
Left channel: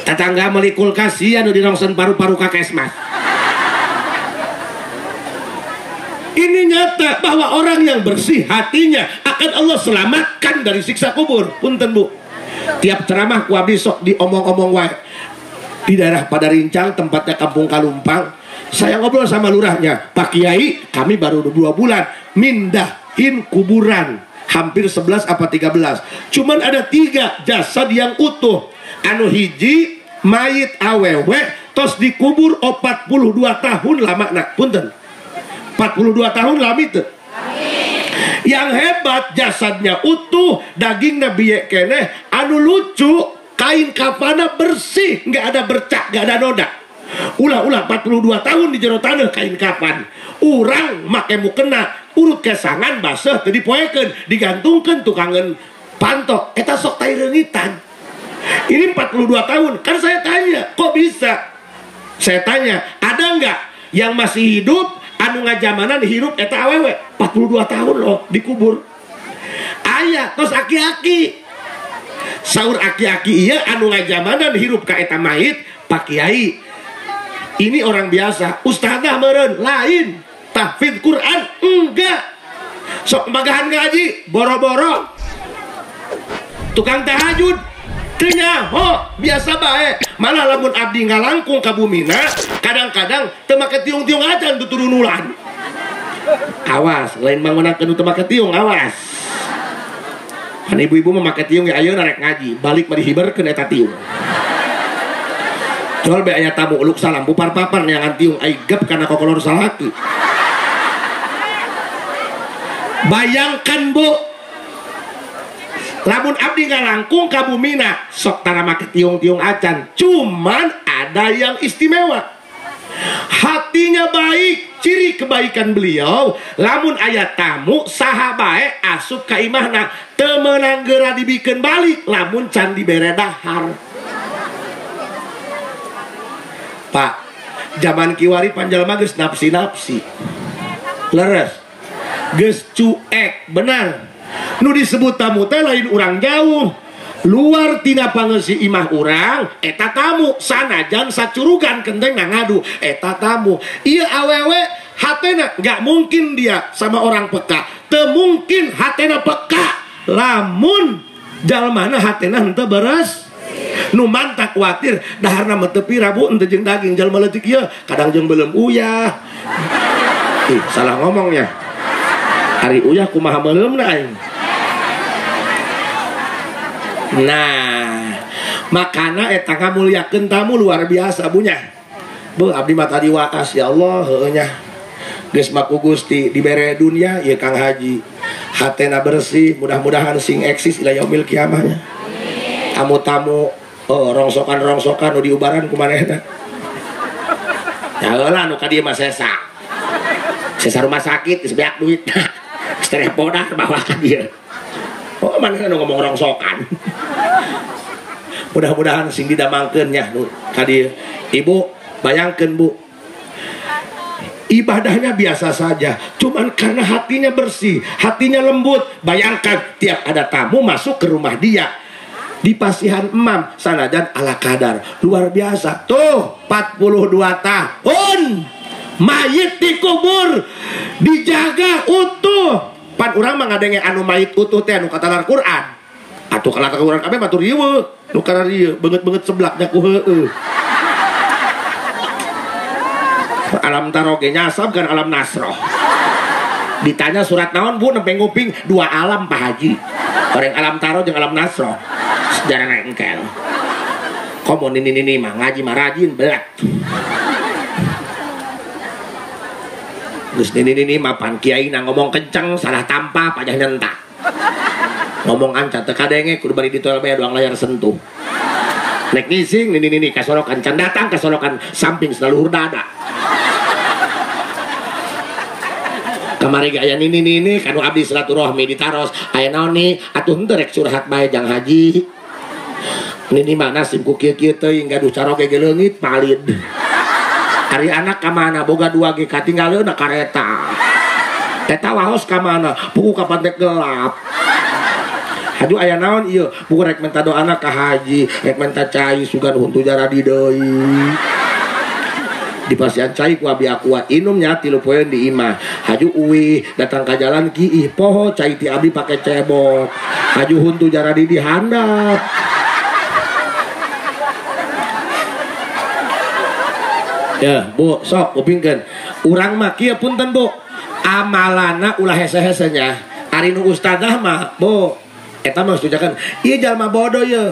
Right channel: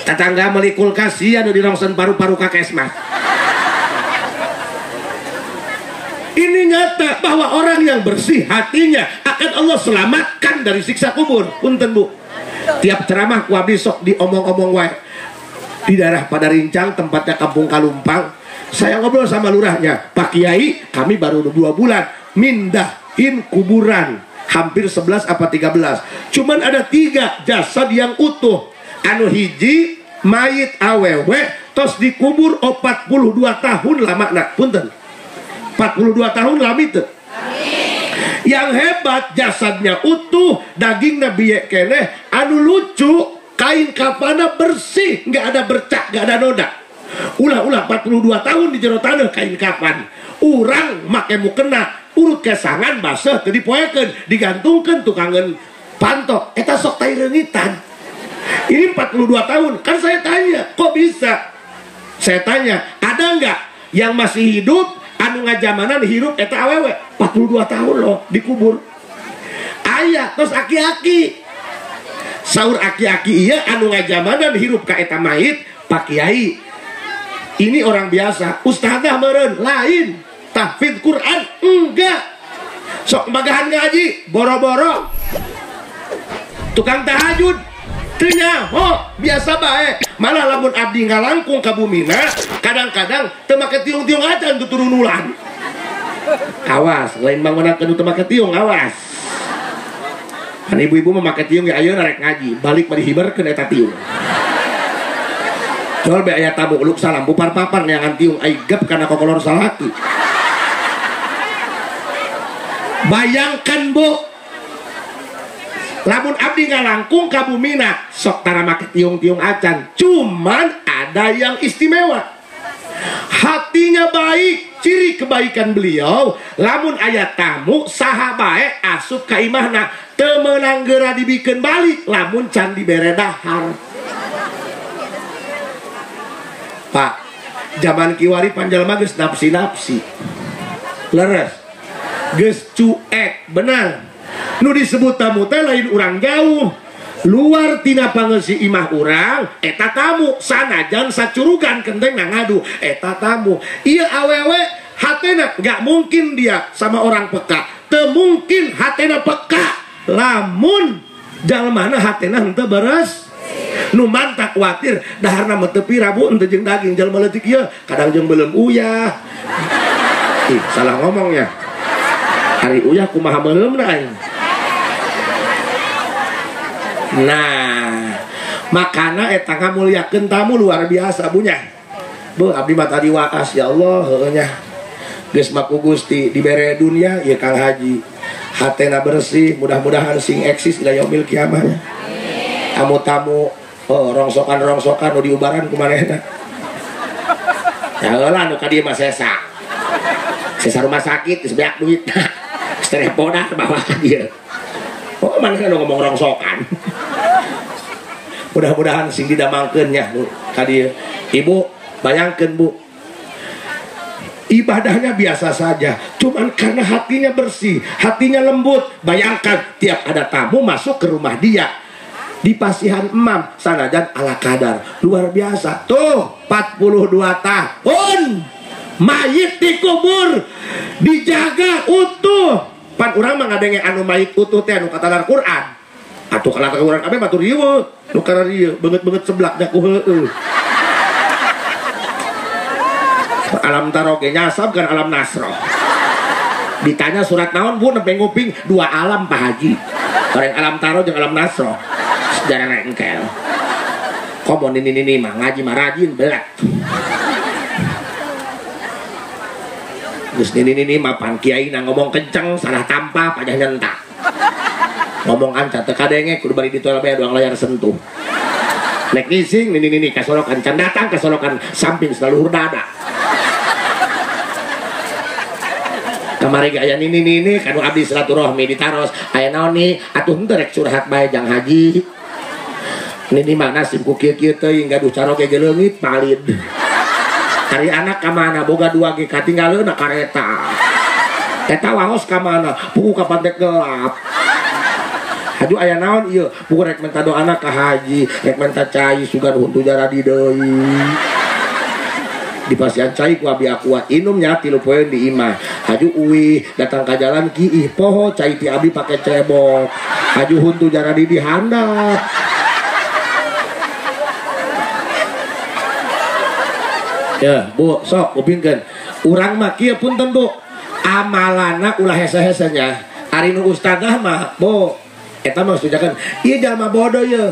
tetangga meli kulkas anu dirongsen paru-paru kakesmas. Ini nyata bahwa orang yang bersih hatinya akan Allah selamatkan dari siksa kubur. Punten bu. Tiap ceramah ku abdi sok diomong-omong wae. Di daerah Padarincang tempatnya Kampung Kalumpang, saya ngobrol sama lurahnya, Pak Kiai, kami baru 2 bulan mindahin kuburan, hampir 11 apa 13. Cuman ada 3 jasad yang utuh. Anu hiji mayit awewe tos dikubur 42 tahun lama nak. Punten. 42 tahun lama itu. Yang hebat jasadnya utuh, dagingnya biye keneh. Anu lucu kain kafana bersih, nggak ada bercak, nggak ada noda. Ulah 42 tahun di jero tanah kain kafan. Urang make mukena urut kesangan basah teu dipoekeun, digantungkeun tukangan pantok. Eta sok tai leungitan. Ini 42 tahun. Kan saya tanya, kok bisa? Saya tanya, ada nggak yang masih hidup anu ngajamanan hirup eta awewe 42 tahun loh dikubur? Aya, tos aki-aki. Saur aki-aki iya anu ngajamanan hirup ka eta mayit Pak Kiai. Ini orang biasa, ustadzah meureun lain. Tahfidz Quran enggak. Sok bagahan ngaji boro-boro. Tukang tahajud kenyaho biasa bae. Malah lamun abdi ngalangkung ka bumina, kadang-kadang teu make tiung-tiung acan tu turun ulan. Awas, lain mangunakeun teu make tiung, awas. Kan ibu-ibu mah make tiung ge ayeuna rek ngaji, balik mari hiberkeun eta tiung. Jual be aya tamu uluk salam bupar papan neangan tiung ai gep kana kokolor salaki. Bayangkan Bu, lamun abdi ngalangkung ka bumina sok tara make tiung-tiung acan, cuman ada yang istimewa. Hatinya baik, ciri kebaikan beliau. Lamun aya tamu saha bae asup ka imahna teu meunang geura dibikeun balik lamun can dibere dahar. Pak, zaman kiwari panjalma geus napsi-napsi. Leres. Geus cuek, benar. Nu disebut tamu teh lain urang jauh. Luar tina pangeusih imah urang, eta tamu. Sanajan sacurugan kendeng ngadu, eta tamu. Ieu awewe hatena gak mungkin dia sama orang peka. Teu mungkin hatena peka. Lamun jalmana hatena henteu beres. Nu mantak kuatir daharna mah teu pirabu henteu jeung daging jalma leutik ieu kadang jeung beuleum uyah. Ih, salah ngomongnya. Hari uyah kumaha beuleumna aing. Nah, makana eta ngamulyakeun tamu luar biasa bunya. Bu, abdi mah tadi wakas ya Allah heueuh nya. Geus maku Gusti dibere dunia ieu Kang Haji. Hatena bersih, mudah-mudahan sing eksis ila yaumil kiamah. Tamu-tamu rongsokan-rongsokan nu diubaran kumanehna. Ya heula nu ka dieu mah sesa. Sesa rumah sakit geus beak duit. Stereopoda ke bawah ka dieu. Oh, mana nu ngomong rongsokan. Mudah-mudahan sing didamangkeun nya nu ka dieu. Ibu, bayangkeun Bu. Ibadahnya biasa saja, cuman karena hatinya bersih, hatinya lembut. Bayangkan tiap ada tamu masuk ke rumah dia, di pasihan emam sanajan ala kadar luar biasa. Tuh 42 tahun mayit dikubur dijaga utuh. Pan urang mah ngadenge anu mayit utuh teh anu katalar Quran. Atuh kalatar Quran kabeh batur ieu nu kana dieu beungeut-beungeut seblaknya ku heueuh. Alam taro ge nyasab kan alam nasro. Ditanya surat naon Bu nempe nguping 2 alam Pak Haji. Bareng alam taro jeung alam nasro. Sejarah rengkel. Komo ini mah ngaji mah rajin belat. Terus ini mah pan kiai na ngomong kenceng salah tampa pajah nyentak. Ngomong anca teu kadenge kudu bari ditoel bae doang layar sentuh. Nek ngising ini kasolokan can datang kasolokan samping selalu hurdada. Kamari aya ini kanu abdi silaturahmi ditaros aya naon ni atuh henteu rek curhat bae Jang Haji. Ini mah nasib ku kieu-kieu teuing gaduh caroge ge leungit palid. Cari anak ka mana boga 2 ge katinggaleuna kareta. Eta waos ka mana pugu ka pantek gelap. Aduh aya naon ieu pugu rek minta doana ka Haji, rek minta cai sugan huntu jaradi deui. Di pasian cai ku abi akuat inum nya 3 poeun di imah. Haju uwi datang ka jalan kiih poho cai ti abi pake cebok. Haju huntu jaradi dihandap. Ya, Bu, sok kupingkeun. Urang mah kieu punten Bu. Amalana ulah hese-hese nya. Ari nu ustadzah mah, Bu, eta mah sujakan ieu jalma bodoh ye.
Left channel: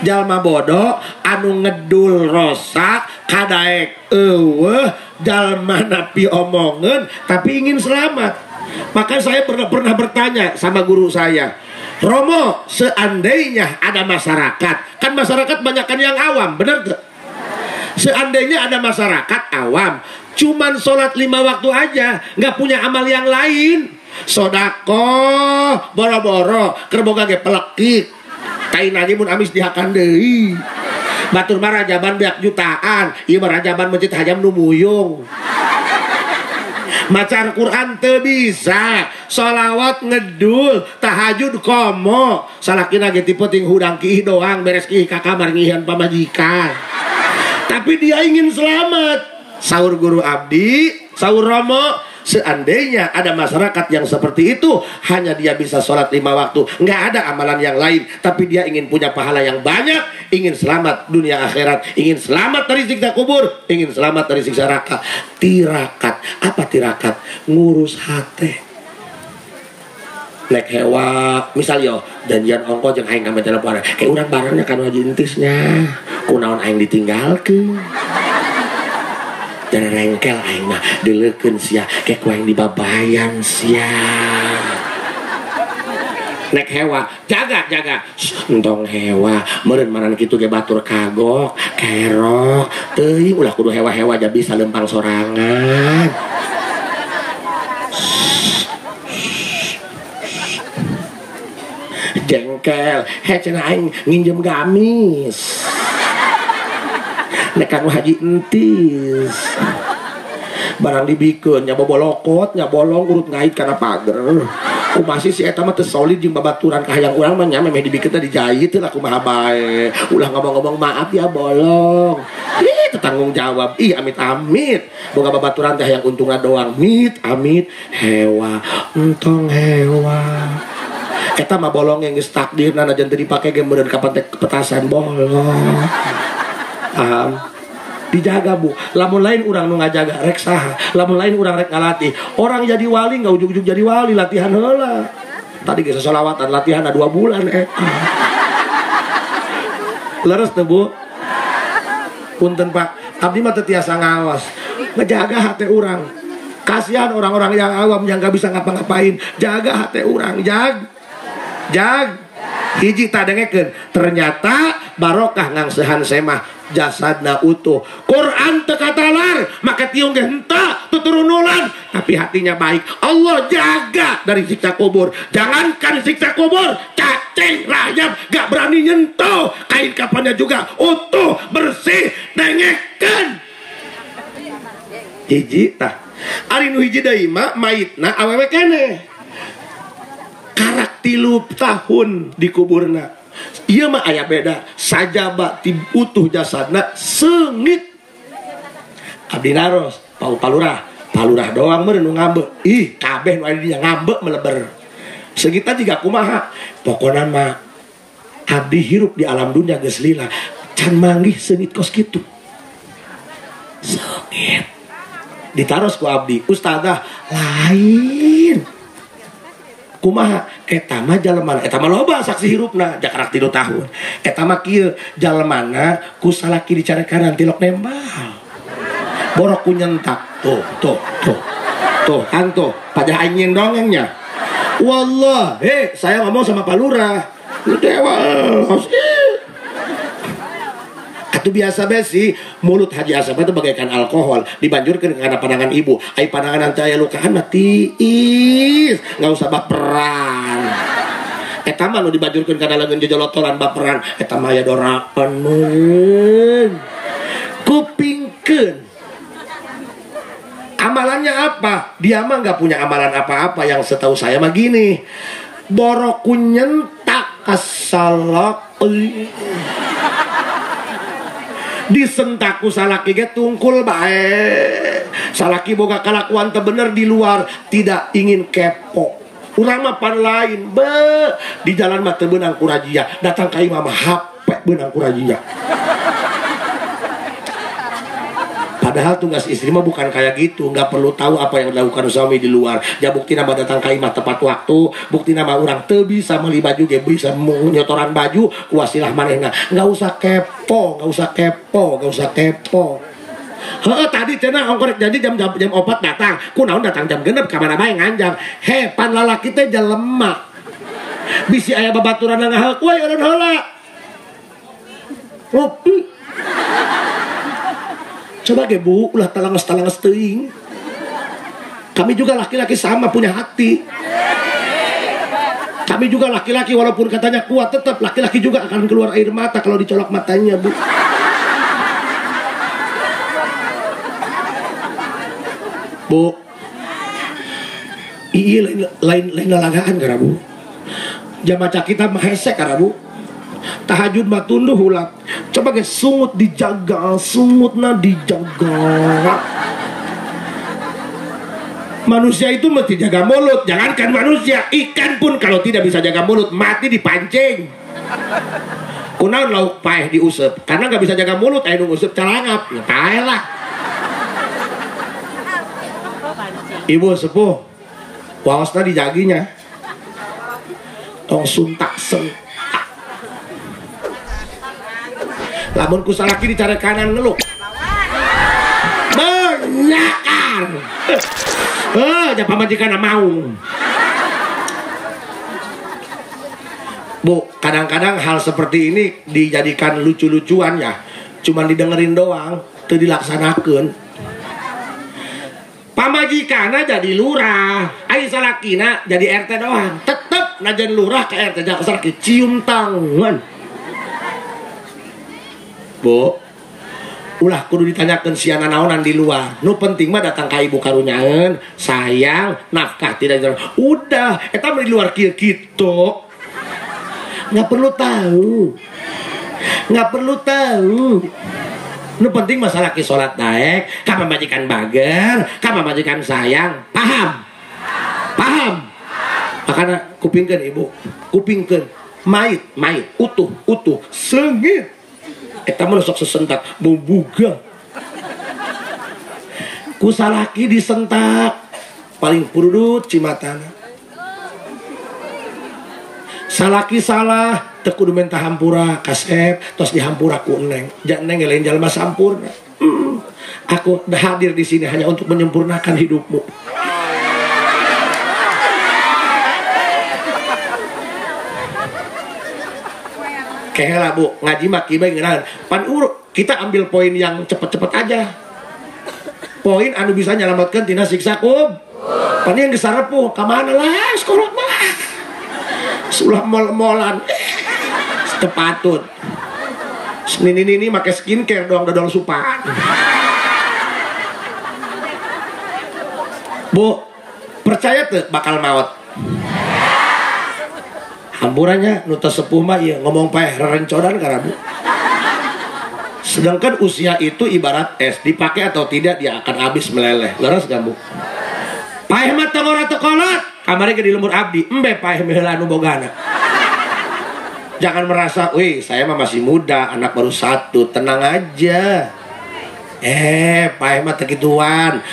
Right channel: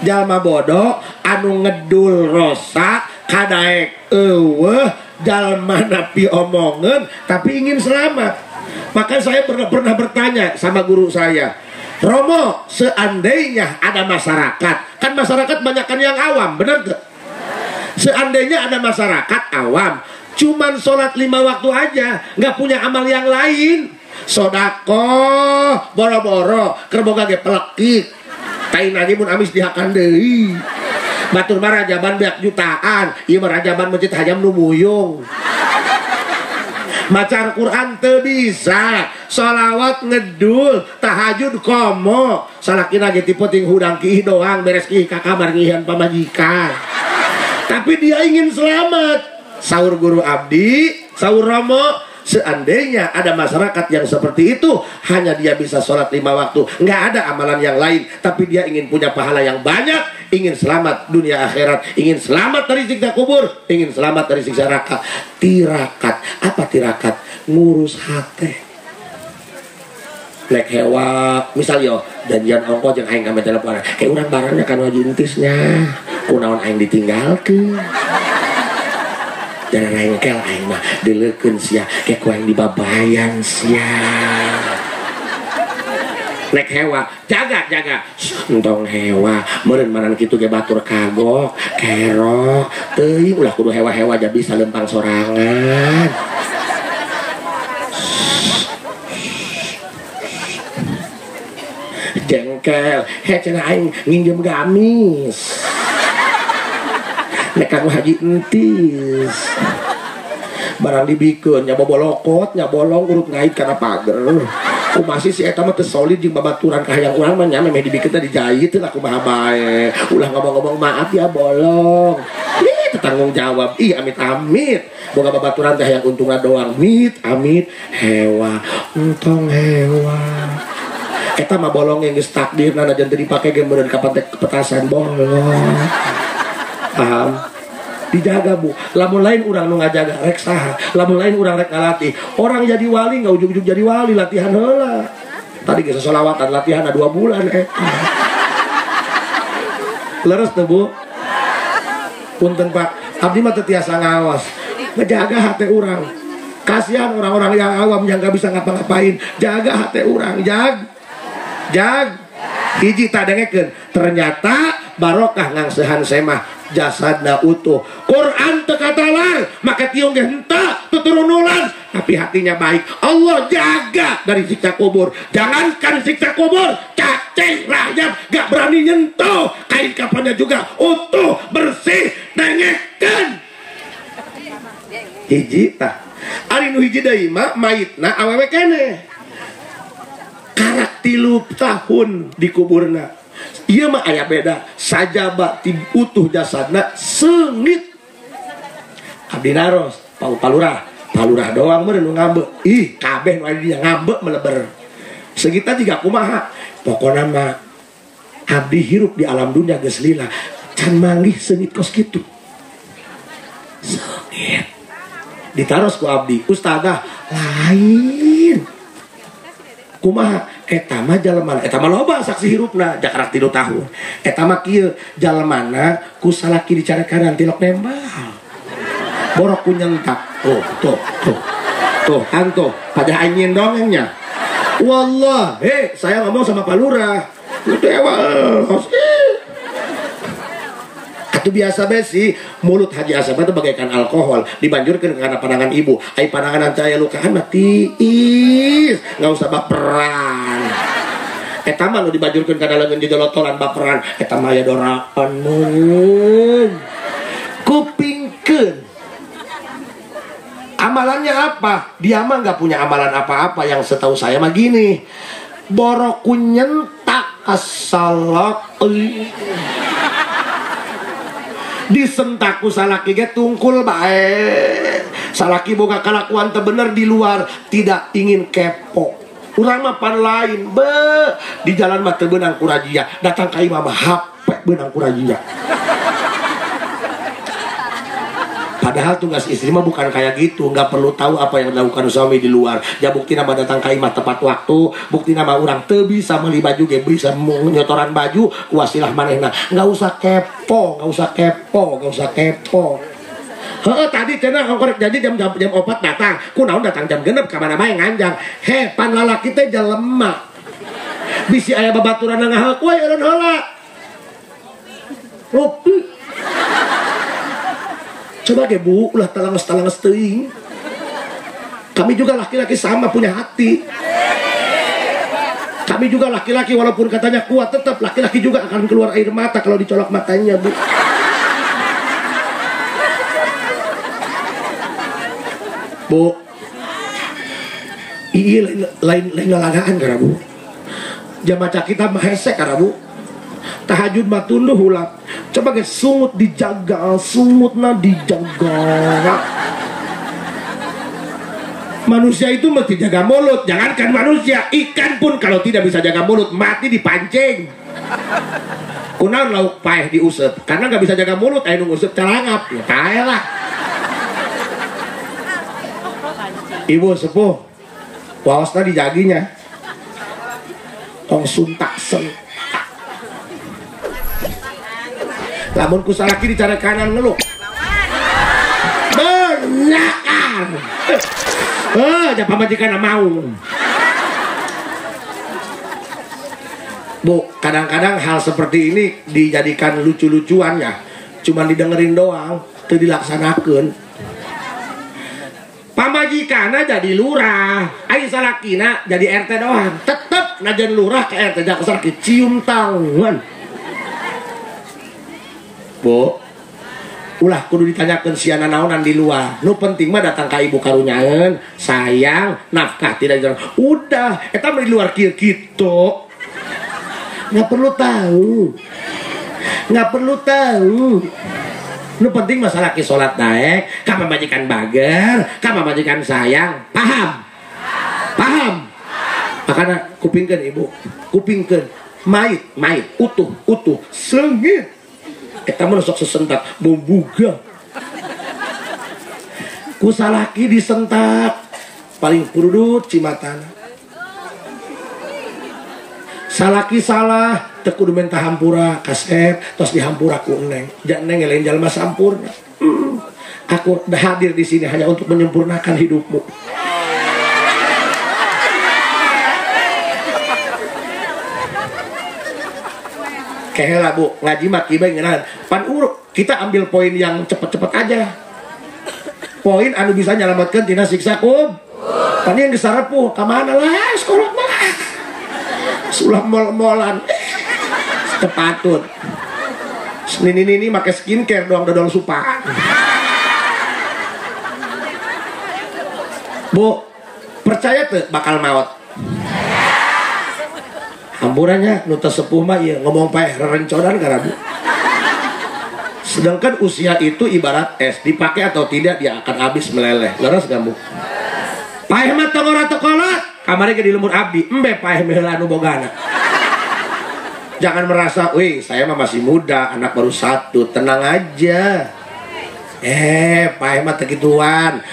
Jalma bodoh anu ngedul rosak kadaek eueuh jalma napi omongan tapi ingin selamat. Maka saya pernah bertanya sama guru saya, Romo, seandainya ada masyarakat, kan masyarakat banyakan yang awam, bener gak? Seandainya ada masyarakat awam, cuman sholat 5 waktu aja, nggak punya amal yang lain, sodako, boro-boro, kerboga ge pelekik, kain aja mun amis dihakan deui, batur mah rajaban beak jutaan, ieu mah rajaban masjid hajam nu muyung. Maca Al-Quran teu bisa, sholawat ngedul, tahajud komo, salakina ge tipe ting hudang kiih doang, beres kiih ka kamar ngihan pamajikan. Tapi dia ingin selamat. Saur guru abdi, saur Romo, seandainya ada masyarakat yang seperti itu, hanya dia bisa sholat 5 waktu, nggak ada amalan yang lain, tapi dia ingin punya pahala yang banyak, ingin selamat dunia akhirat, ingin selamat dari siksa kubur, ingin selamat dari siksa neraka. Tirakat, apa tirakat? Ngurus hati. Lek hewa, misal yo janjian ongkos yang aing kami telepon, kayak orang barangnya kan wajib intisnya, kunaon aing ditinggalkeun. Jangan rengkel aing mah dileukeun sia, kayak ku aing dibabayan sia. Lek hewa, jaga. Entong hewa, meureun manan kitu ge batur kagok, kerok, teuing ulah kudu hewa-hewa aja bisa lempang sorangan. Jengkel, cenah aing nginjem gamis. Nek kamu haji entis. Barang dibikeun nya bobolokot, nya bolong urut ngait kana pager. Masih si eta mah teu solid jeung babaturan ka hayang urang mah nya memeh dibikeun teh dijahit teh aku mah bae. Ulah ngomong-ngomong maaf ya bolong. Ih tanggung jawab. Ih amit-amit. Boga babaturan teh hayang untungna doang. Amit hewa. Entong hewa. Eta mah bolong yang geus takdirna najan teu dipake ge meureun ka petasan bolong. Paham? Dijaga bu, lamun lain urang nu ngajaga rek saha, lamun lain urang rek ngalatih. Orang jadi wali nggak ujug-ujug jadi wali, latihan heula. Tadi geus sholawatan latihan 2 bulan Leres tuh bu. Punten Pak, abdi mah teu tiasa ngaos. Ngejaga hati urang. Kasihan orang-orang yang awam yang nggak bisa ngapa-ngapain. Jaga hati urang, jag. Hiji tadengekeun, ternyata barokah ngangsehan semah jasadna utuh. Quran teu katalar, make tiung ge henteu tuturunulan, tapi hatinya baik. Allah jaga dari siksa kubur. Jangankan siksa kubur, cacing rayap gak berani nyentuh. Kain kafannya juga utuh, bersih, dengekeun. Hiji tah. Ari nu hiji deui mah maitna awewe keneh. Karak 3 tahun di kuburna. Ieu mah aya beda. Sajaba ti utuh jasadna seungit. Abdi naros, palurah doang meureun nu ngambeuk. Ih, kabeh nu aya di dieu ngambeuk meleber. Segita juga kumaha. Pokona mah abdi hirup di alam dunia geus lila. Can manggih seungit kos kitu. Seungit. Ditaros ku abdi, ustadzah lain. Kumaha eta mah jalemana eta mah loba saksi hirupna jakarak 3 tahun eta mah kieu jalemana ku salaki dicarekan tilok nembal borok ku nyentak tuh kan tuh pada anjing dongengnya wallah saya ngomong sama Pak Lurah dewa itu biasa besi mulut Haji Asep itu bagaikan alkohol dibanjurkan karena pandangan ibu ai pandangan saya lukaan tiis nggak usah baperan eta mah nu dibanjurkan karena leungeun jejolotoran baperan eta mah aya dorapan mun kupingkeun amalannya apa dia mah nggak punya amalan apa-apa yang setahu saya mah gini borok nyentak asalak disentaku salaki ge tungkul bae salaki boga kalakuan teu bener di luar tidak ingin kepo urang mah pan lain di jalan mah teu beunang ku rajia datang ka imam HP beunang ku rajia padahal tugas istri mah bukan kayak gitu nggak perlu tahu apa yang dilakukan suami di luar ya bukti nama datang ka imah tepat waktu bukti nama orang teu bisa meli baju ge bisa nyotoran baju kuasilah manehna nggak usah kepo heeh tadi cenah ongkorek jadi jam 4 datang kunaon datang jam 6 ka mana bae nganjang pan lalaki teh jelema Bisi aya babaturan ngahal kue ulun heula. Ngopi. Coba ge Bu, ulah talanges-talanges teuing. Kami juga laki-laki sama punya hati. Kami juga laki-laki walaupun katanya kuat, tetap laki-laki juga akan keluar air mata kalau dicolok matanya, Bu. Bu, iya lain lalagaan karena Bu. Jamaca kita mahesek karena Bu. Tahajud matunduh hulap. Coba guys, sungut dijaga, sungutna dijaga. Manusia itu mesti jaga mulut. Jangankan manusia, ikan pun kalau tidak bisa jaga mulut mati dipancing. Kunaon lauk paeh diusep karena nggak bisa jaga mulut, ayo ngusep celangap, ya paeh lah. Ibu sepuh, waosna dijaginya. Tong suntak sentak. Lamun kusalaki di cara kanan ngeluk. Benyakan. Jangan pamajikan mau. Bu, kadang-kadang hal seperti ini dijadikan lucu-lucuan ya. Cuma didengerin doang, itu dilaksanakan. Pamajikana jadi lurah, ayo salakina jadi RT doang. Tetep najan lurah ke RT jangan salaki cium tangan. Bu, ulah kudu ditanyakan siana naonan di luar. Nu penting mah datang ka ibu karunyaeun, sayang, nafkah tidak jalan. Udah, eta mah di luar kieu kitu. Nggak perlu tahu. Nggak perlu tahu. Nu penting masalah ki salat daek, ka majikan bager, ka majikan sayang. Paham? Paham? Makanya kupingkeun ibu, kupingkeun. Mait, utuh, seungit. Eta mah sok sesentak membuga. Kusalaki disentak paling purudut cimatana. Salaki salah teu kudu menta hampura kasep tos dihampura ku Neng. Jangan Neng lain jalma sampurna. Aku dah hadir di sini hanya untuk menyempurnakan hidupmu. Kehela Bu, ngaji mah kibai ngeunaheun. Pan urut, kita ambil poin yang cepet-cepet aja. Poin anu bisa nyelamatkan tina siksa kubur. Pan yang gesarepuh, ka mana lah sekolah mah. Sulah mol-molan. Tepatut. Nini make skincare doang dodol supa. Bu, percaya tuh bakal maut. Hampurannya nu teu sepuh mah ieu ngomong paeh rerencodan karena Bu. Sedangkan usia itu ibarat es, dipakai atau tidak dia akan habis meleleh. Leres gak Bu? Paeh mah teu ora teu kolot, kamari ge di lemur abdi, embe paeh meheula anu bogana. Jangan merasa, wih saya mah masih muda, anak baru 1, tenang aja. Paeh mah teu kituan.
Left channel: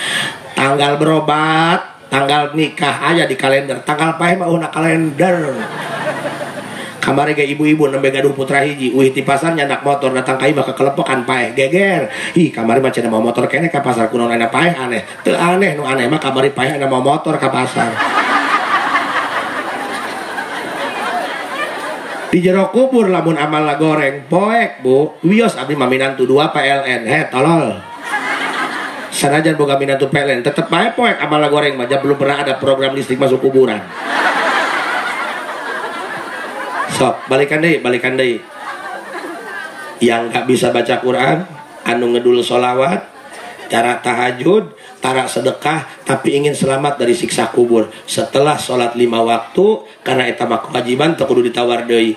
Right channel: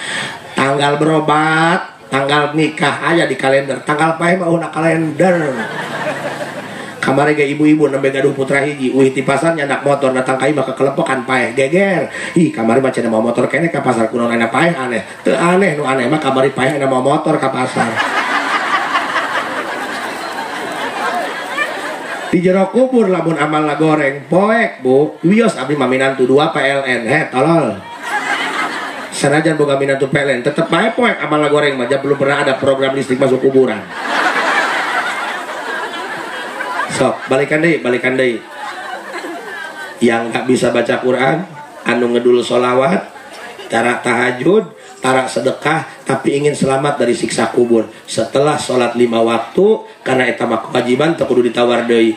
Tanggal berobat, tanggal nikah aja di kalender. Tanggal paeh mah una kalender. Kamari ge ibu-ibu nembe gaduh putra hiji, wih ti pasar nyandak motor datang ka imah kekelepokan paeh geger. Ih kamari mah cenah mau motor kene ka pasar kunaon ana paeh aneh. Teu aneh nu aneh mah kamari paeh ana mau motor ka pasar. Di jero kubur lamun amal la goreng poek Bu. Wios abdi mah minantu 2 PLN. Tolol. Sanajan boga minantu PLN tetep bae poek amal la goreng mah belum pernah ada program listrik masuk kuburan. Sok, balikan deh. Yang gak bisa baca Quran, anu ngedul sholawat, cara tahajud, cara sedekah, tapi ingin selamat dari siksa kubur. Setelah sholat 5 waktu, karena eta mah kewajiban, teu kudu ditawar deui.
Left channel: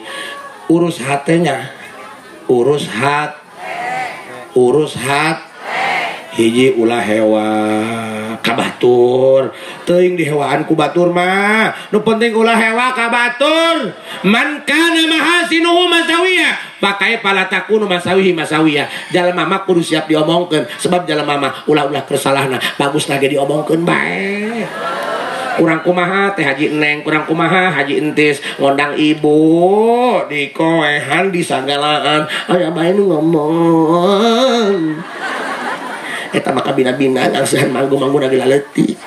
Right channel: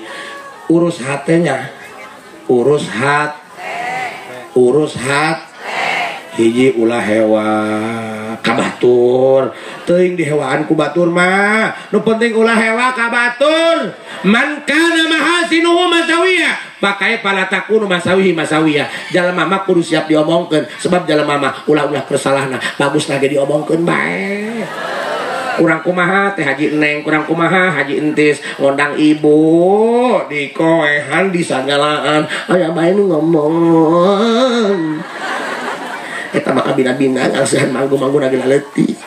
Urus hatenya, urus hat, hiji ulah hewa kabatur. Teuing di hewaan ku batur mah nu penting ulah hewa ka batur. Man kana mahasinuhu masawiyah pakai pala takunu masawiyah. Jalema mah kudu siap diomongkeun sebab jalema mah ulah-ulah kesalahanna bagus lagi diomongkeun bae. Kurang kumaha teh Haji Neng, kurang kumaha Haji Entis ngondang ibu di koehan di sanggalaan aya bae nu ngomong. Eta mah kabina-bina ngalesan manggu-manggu lagi laletik.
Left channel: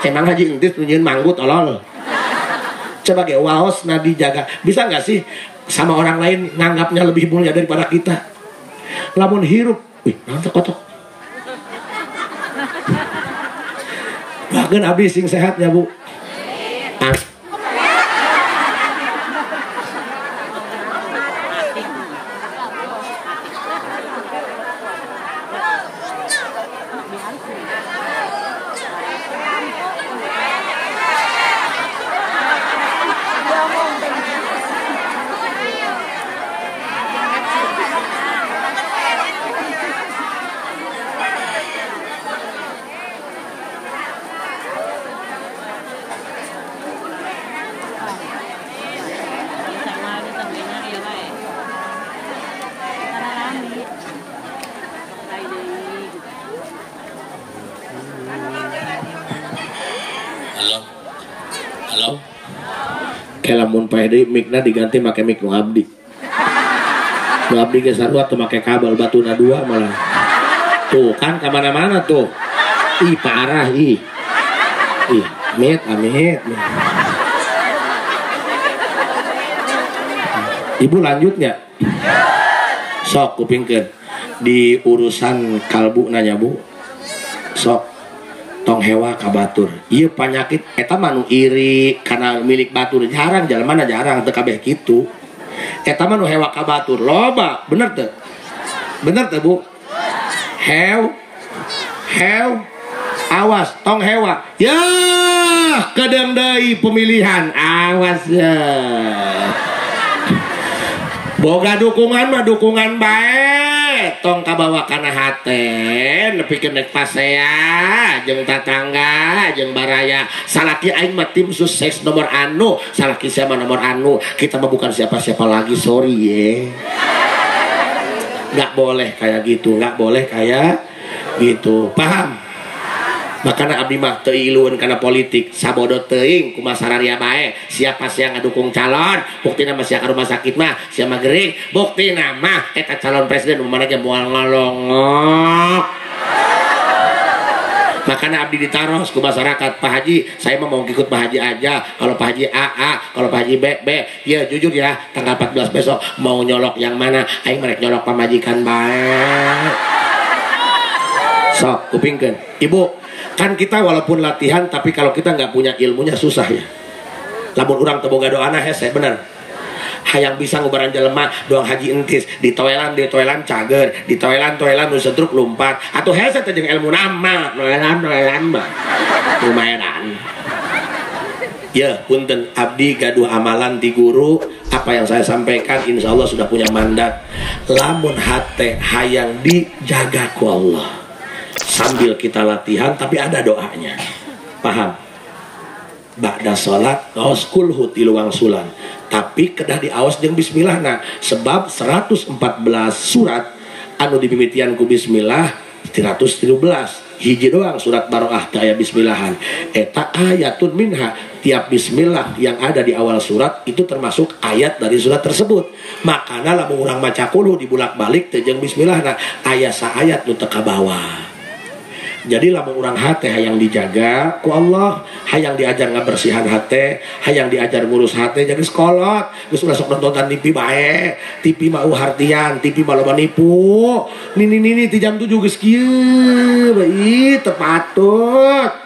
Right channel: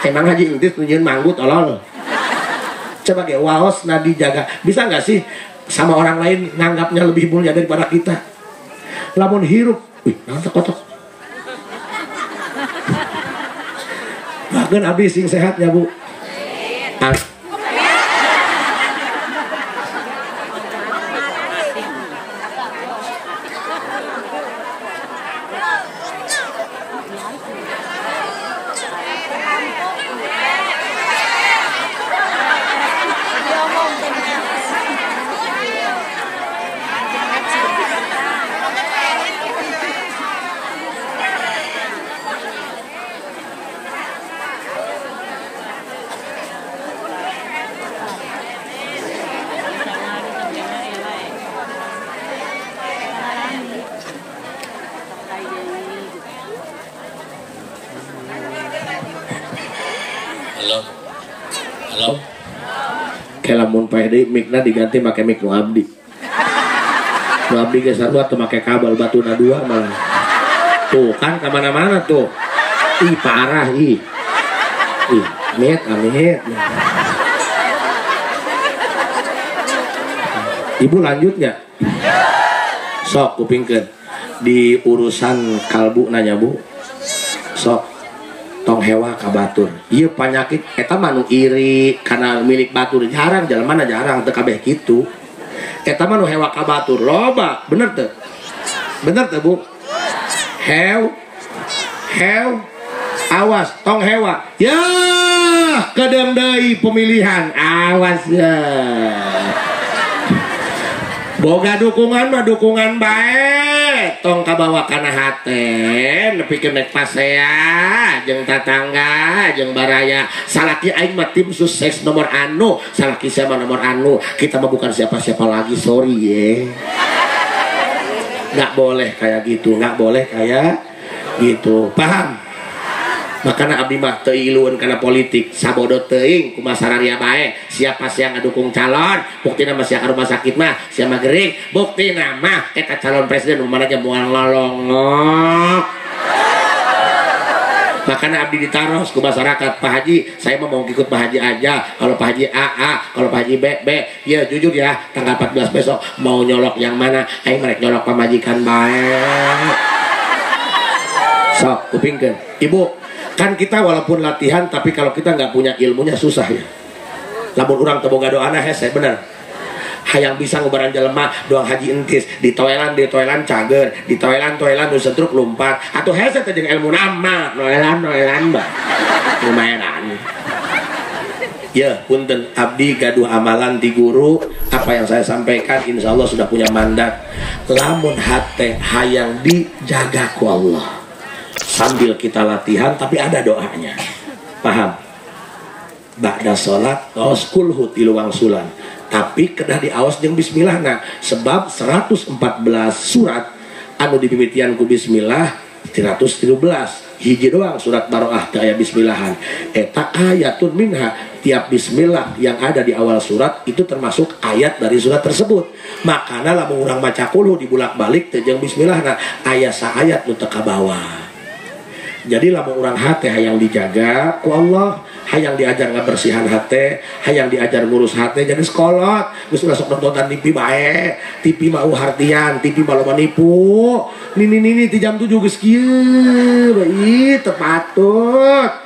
Emang Haji Entis nunjieun manggu tolol. Coba ge waos na dijaga. Bisa nggak sih sama orang lain nganggapnya lebih mulia daripada kita? Lamun hirup, wih, nanti kotok. Bahkan abdi sing sehat ya Bu. Halo. Kayak lamun PD mikna diganti pakai mik nu abdi. Nu abdi ge sarua teu make kabel batuna 2 malah. Tuh kan kemana-mana tuh. Ih parah ih. Ih, amit. Ibu lanjut nggak? Sok kupingkeun. Di urusan kalbu nanya Bu. Sok tong hewa ka batur. Ieu panyakit eta mah nu iri kana milik batur jarang jalemana jarang teu kabeh kitu. Eta mah nu hewa ka batur loba, bener teu? Bener teu Bu? Hew awas tong hewa. Ya, kadang deui pemilihan awas ya. Boga dukungan mah dukungan bae, tong kabawa kana hate, nepikeun nek pasea, jeung tatangga, jeung baraya. Salaki aing mah tim sukses nomor anu, salaki saya mah nomor anu. Kita mah bukan siapa-siapa lagi, sorry ye. Nggak boleh kayak gitu, nggak boleh kayak gitu, paham? Makanya abdi mah teu ilueun kana politik, sabodo teuing kumaha sararia bae. Siapa sih yang ngadukung calon, buktina mah sia ka rumah sakit mah sia mah geuring, buktina mah eta calon presiden mana aja moal ngalongok. Makanya abdi ditaros ku masyarakat, Pak Haji, saya mau ikut Pak Haji aja. Kalau Pak Haji A, kalau Pak Haji B. Ya jujur ya, tanggal 14 besok mau nyolok yang mana? Aing merek nyolok pamajikan bae. Sok kupingkeun. Ibu, kan kita walaupun latihan tapi kalau kita nggak punya ilmunya susah ya. Lamun urang teu boga doana hese bener. Hayang bisa ngubaran jelema doang haji entis di toilan cager, di toilan nu setruk lompat atuh hese teh jeung ilmu nama noelan ba. Lumayanan. Ya, punten abdi gaduh amalan di guru, apa yang saya sampaikan insya Allah sudah punya mandat. Lamun hate hayang dijaga ku Allah. Sambil kita latihan tapi ada doanya, paham? Ba'da sholat aos kulhu ti luang sulam, tapi kedah diaos jeung bismillah. Nah, sebab 114 surat anu dimimitian ku bismillah 313 hiji doang surat baroah teh aya bismillahan. Eta ayatun minha, tiap bismillah yang ada di awal surat itu termasuk ayat dari surat tersebut. Makana lamun urang maca kulhu dibulak-balik teh jeung bismillah, nah aya saayat nu teu kabawa. Jadi lamun urang hate hayang dijaga ku Allah, hayang diajar ngabersihan hate, hayang diajar ngurus hate, jadi sekolot geus masuk nonton TV bae. TV mah hartian, TV mah loba nipu. Nini ti jam 7 geus kieu bae teu patut.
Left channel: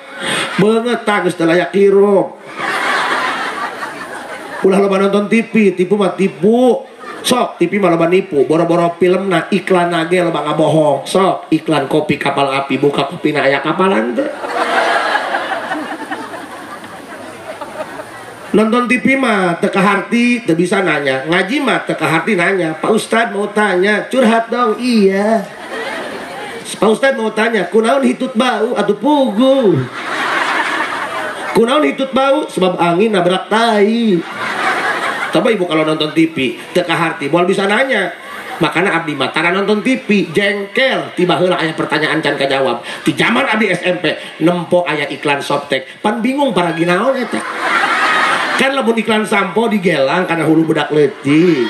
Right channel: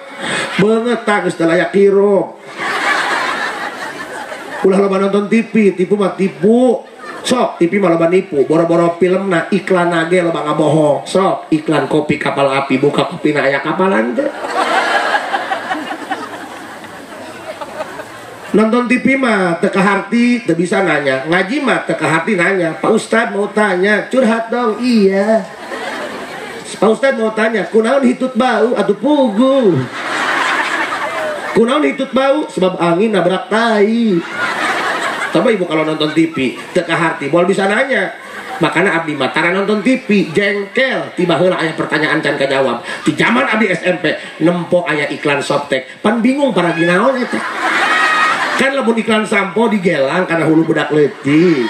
Beungeut tah geus teu layak hirup. Ulah loba nonton TV, tipu mah tipu. Sok TV mah loba nipu, boro-boro filmna iklan nage loba ngabohong. Sok iklan kopi kapal api, buka kopina aya kapalan teh. Nonton TV mah teu kaharti teu bisa nanya, ngaji mah teu kaharti nanya. Pak Ustad mau tanya, curhat dong. Iya. Pak Ustad mau tanya, kunaon hitut bau atuh pugu? Kunaon hitut bau? Sebab angin nabrak tai. Coba ibu kalau nonton TV teka hati boleh bisa nanya. Makanya abdi mah tara nonton TV jengkel tiba heula aya pertanyaan can kajawab. Di zaman abdi SMP nempo aya iklan Softtek pan bingung para ginaon eta. Kan lamun iklan sampo digelang karena hulu budak leutik.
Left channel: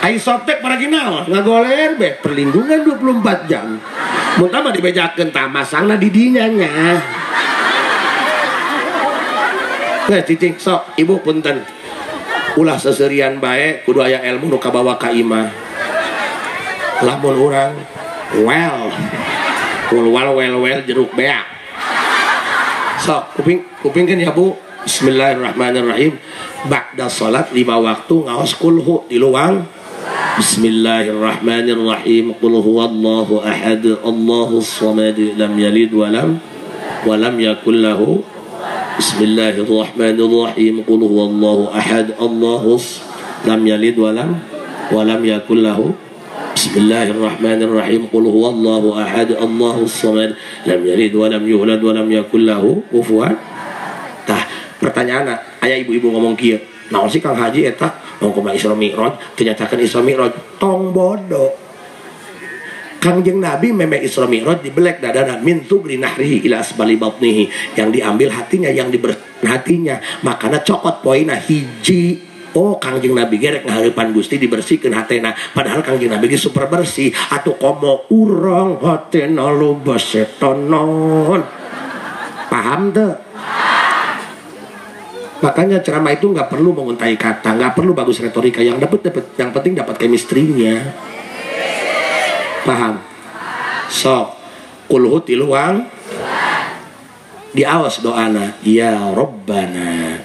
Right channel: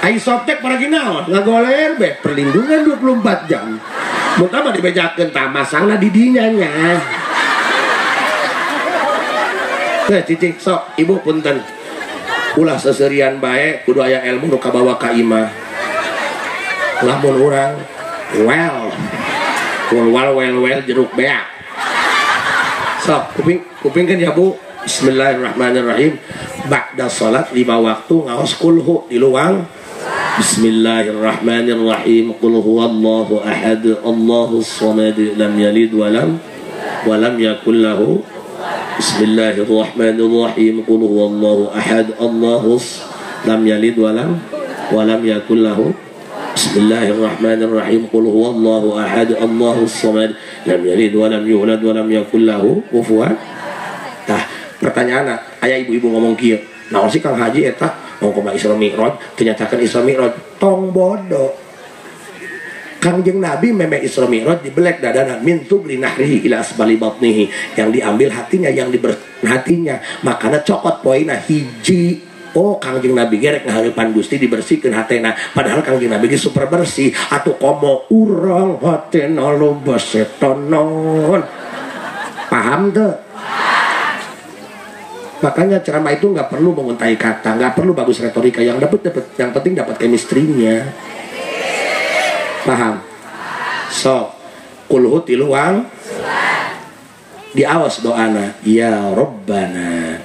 Ai Softtek para ginaon ngagoler be perlindungan 24 jam. Mun tah dibejakeun tah masangna di dinya nya. cicing sok ibu punten ulah seserian baik kudu aya ilmu nu kabawa ka imah lamun urang well jeruk beak sok kupingkeun ya Bu. Bismillahirrahmanirrahim. Ba'da salat 5 waktu ngaos kulhu di luang. Bismillahirrahmanirrahim. Qul huwallahu ahad, Allahus samad, lam yalid wa lam yakul lahu. Bismillahirrahmanirrahim. Qul huwallahu ahad, Allahus lam yalid wa lam yakul lahu. Bismillahirrahmanirrahim. Qul huwallahu ahad, Allahus samad, lam yalid wa lam yulad wa lam yakul lahu kufuwan. Tah, pertanyaan aya ibu-ibu ngomong kieu. Naon sih Kang Haji eta? Ngomong Isra Mi'raj, ternyatakan Isra Mi'raj tong bodoh. Kangjeng Nabi meme Isra Mi'raj dibelek dadana min tubli nahrihi ila asbali batnihi, yang diambil hatinya, yang hatinya, makanya cokot poina hiji. Oh Kangjeng Nabi gerek ngahareupan Gusti dibersihkeun hatena, padahal Kangjeng Nabi ge super bersih. Atuh komo urang hatena loba setan naon. Paham teu? Makanya ceramah itu nggak perlu menguntai kata, nggak perlu bagus retorika, yang yang penting dapat chemistry-nya. Paham? So, kulhu tiluang diawas doana, ya Rabbana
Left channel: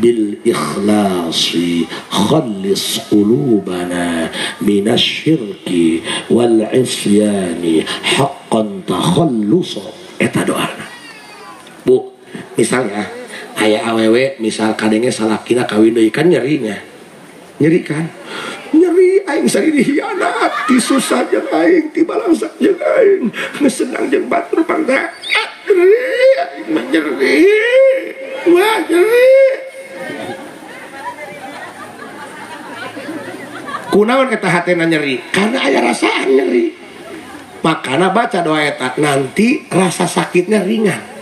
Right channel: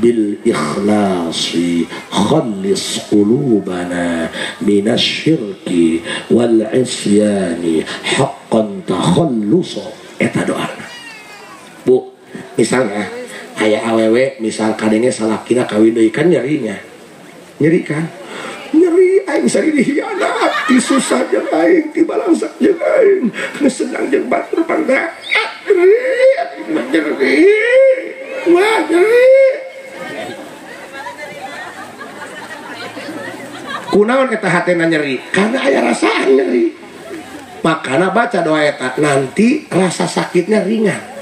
bil ikhlasi khallis qulubana minasyirki wal isyani haqqan takhallusa. Eta doana. Bu, misalnya aya awewe misal kadenge salakina kawin deui kan nyeri kan nyeri aing sari dihianat ti susah jeung aing ti balangsak jeung aing senang jeung batur pangga nyeri wah nyeri kunaon eta hatena nyeri karena aya rasaan nyeri makana baca doa eta nanti rasa sakitnya ringan.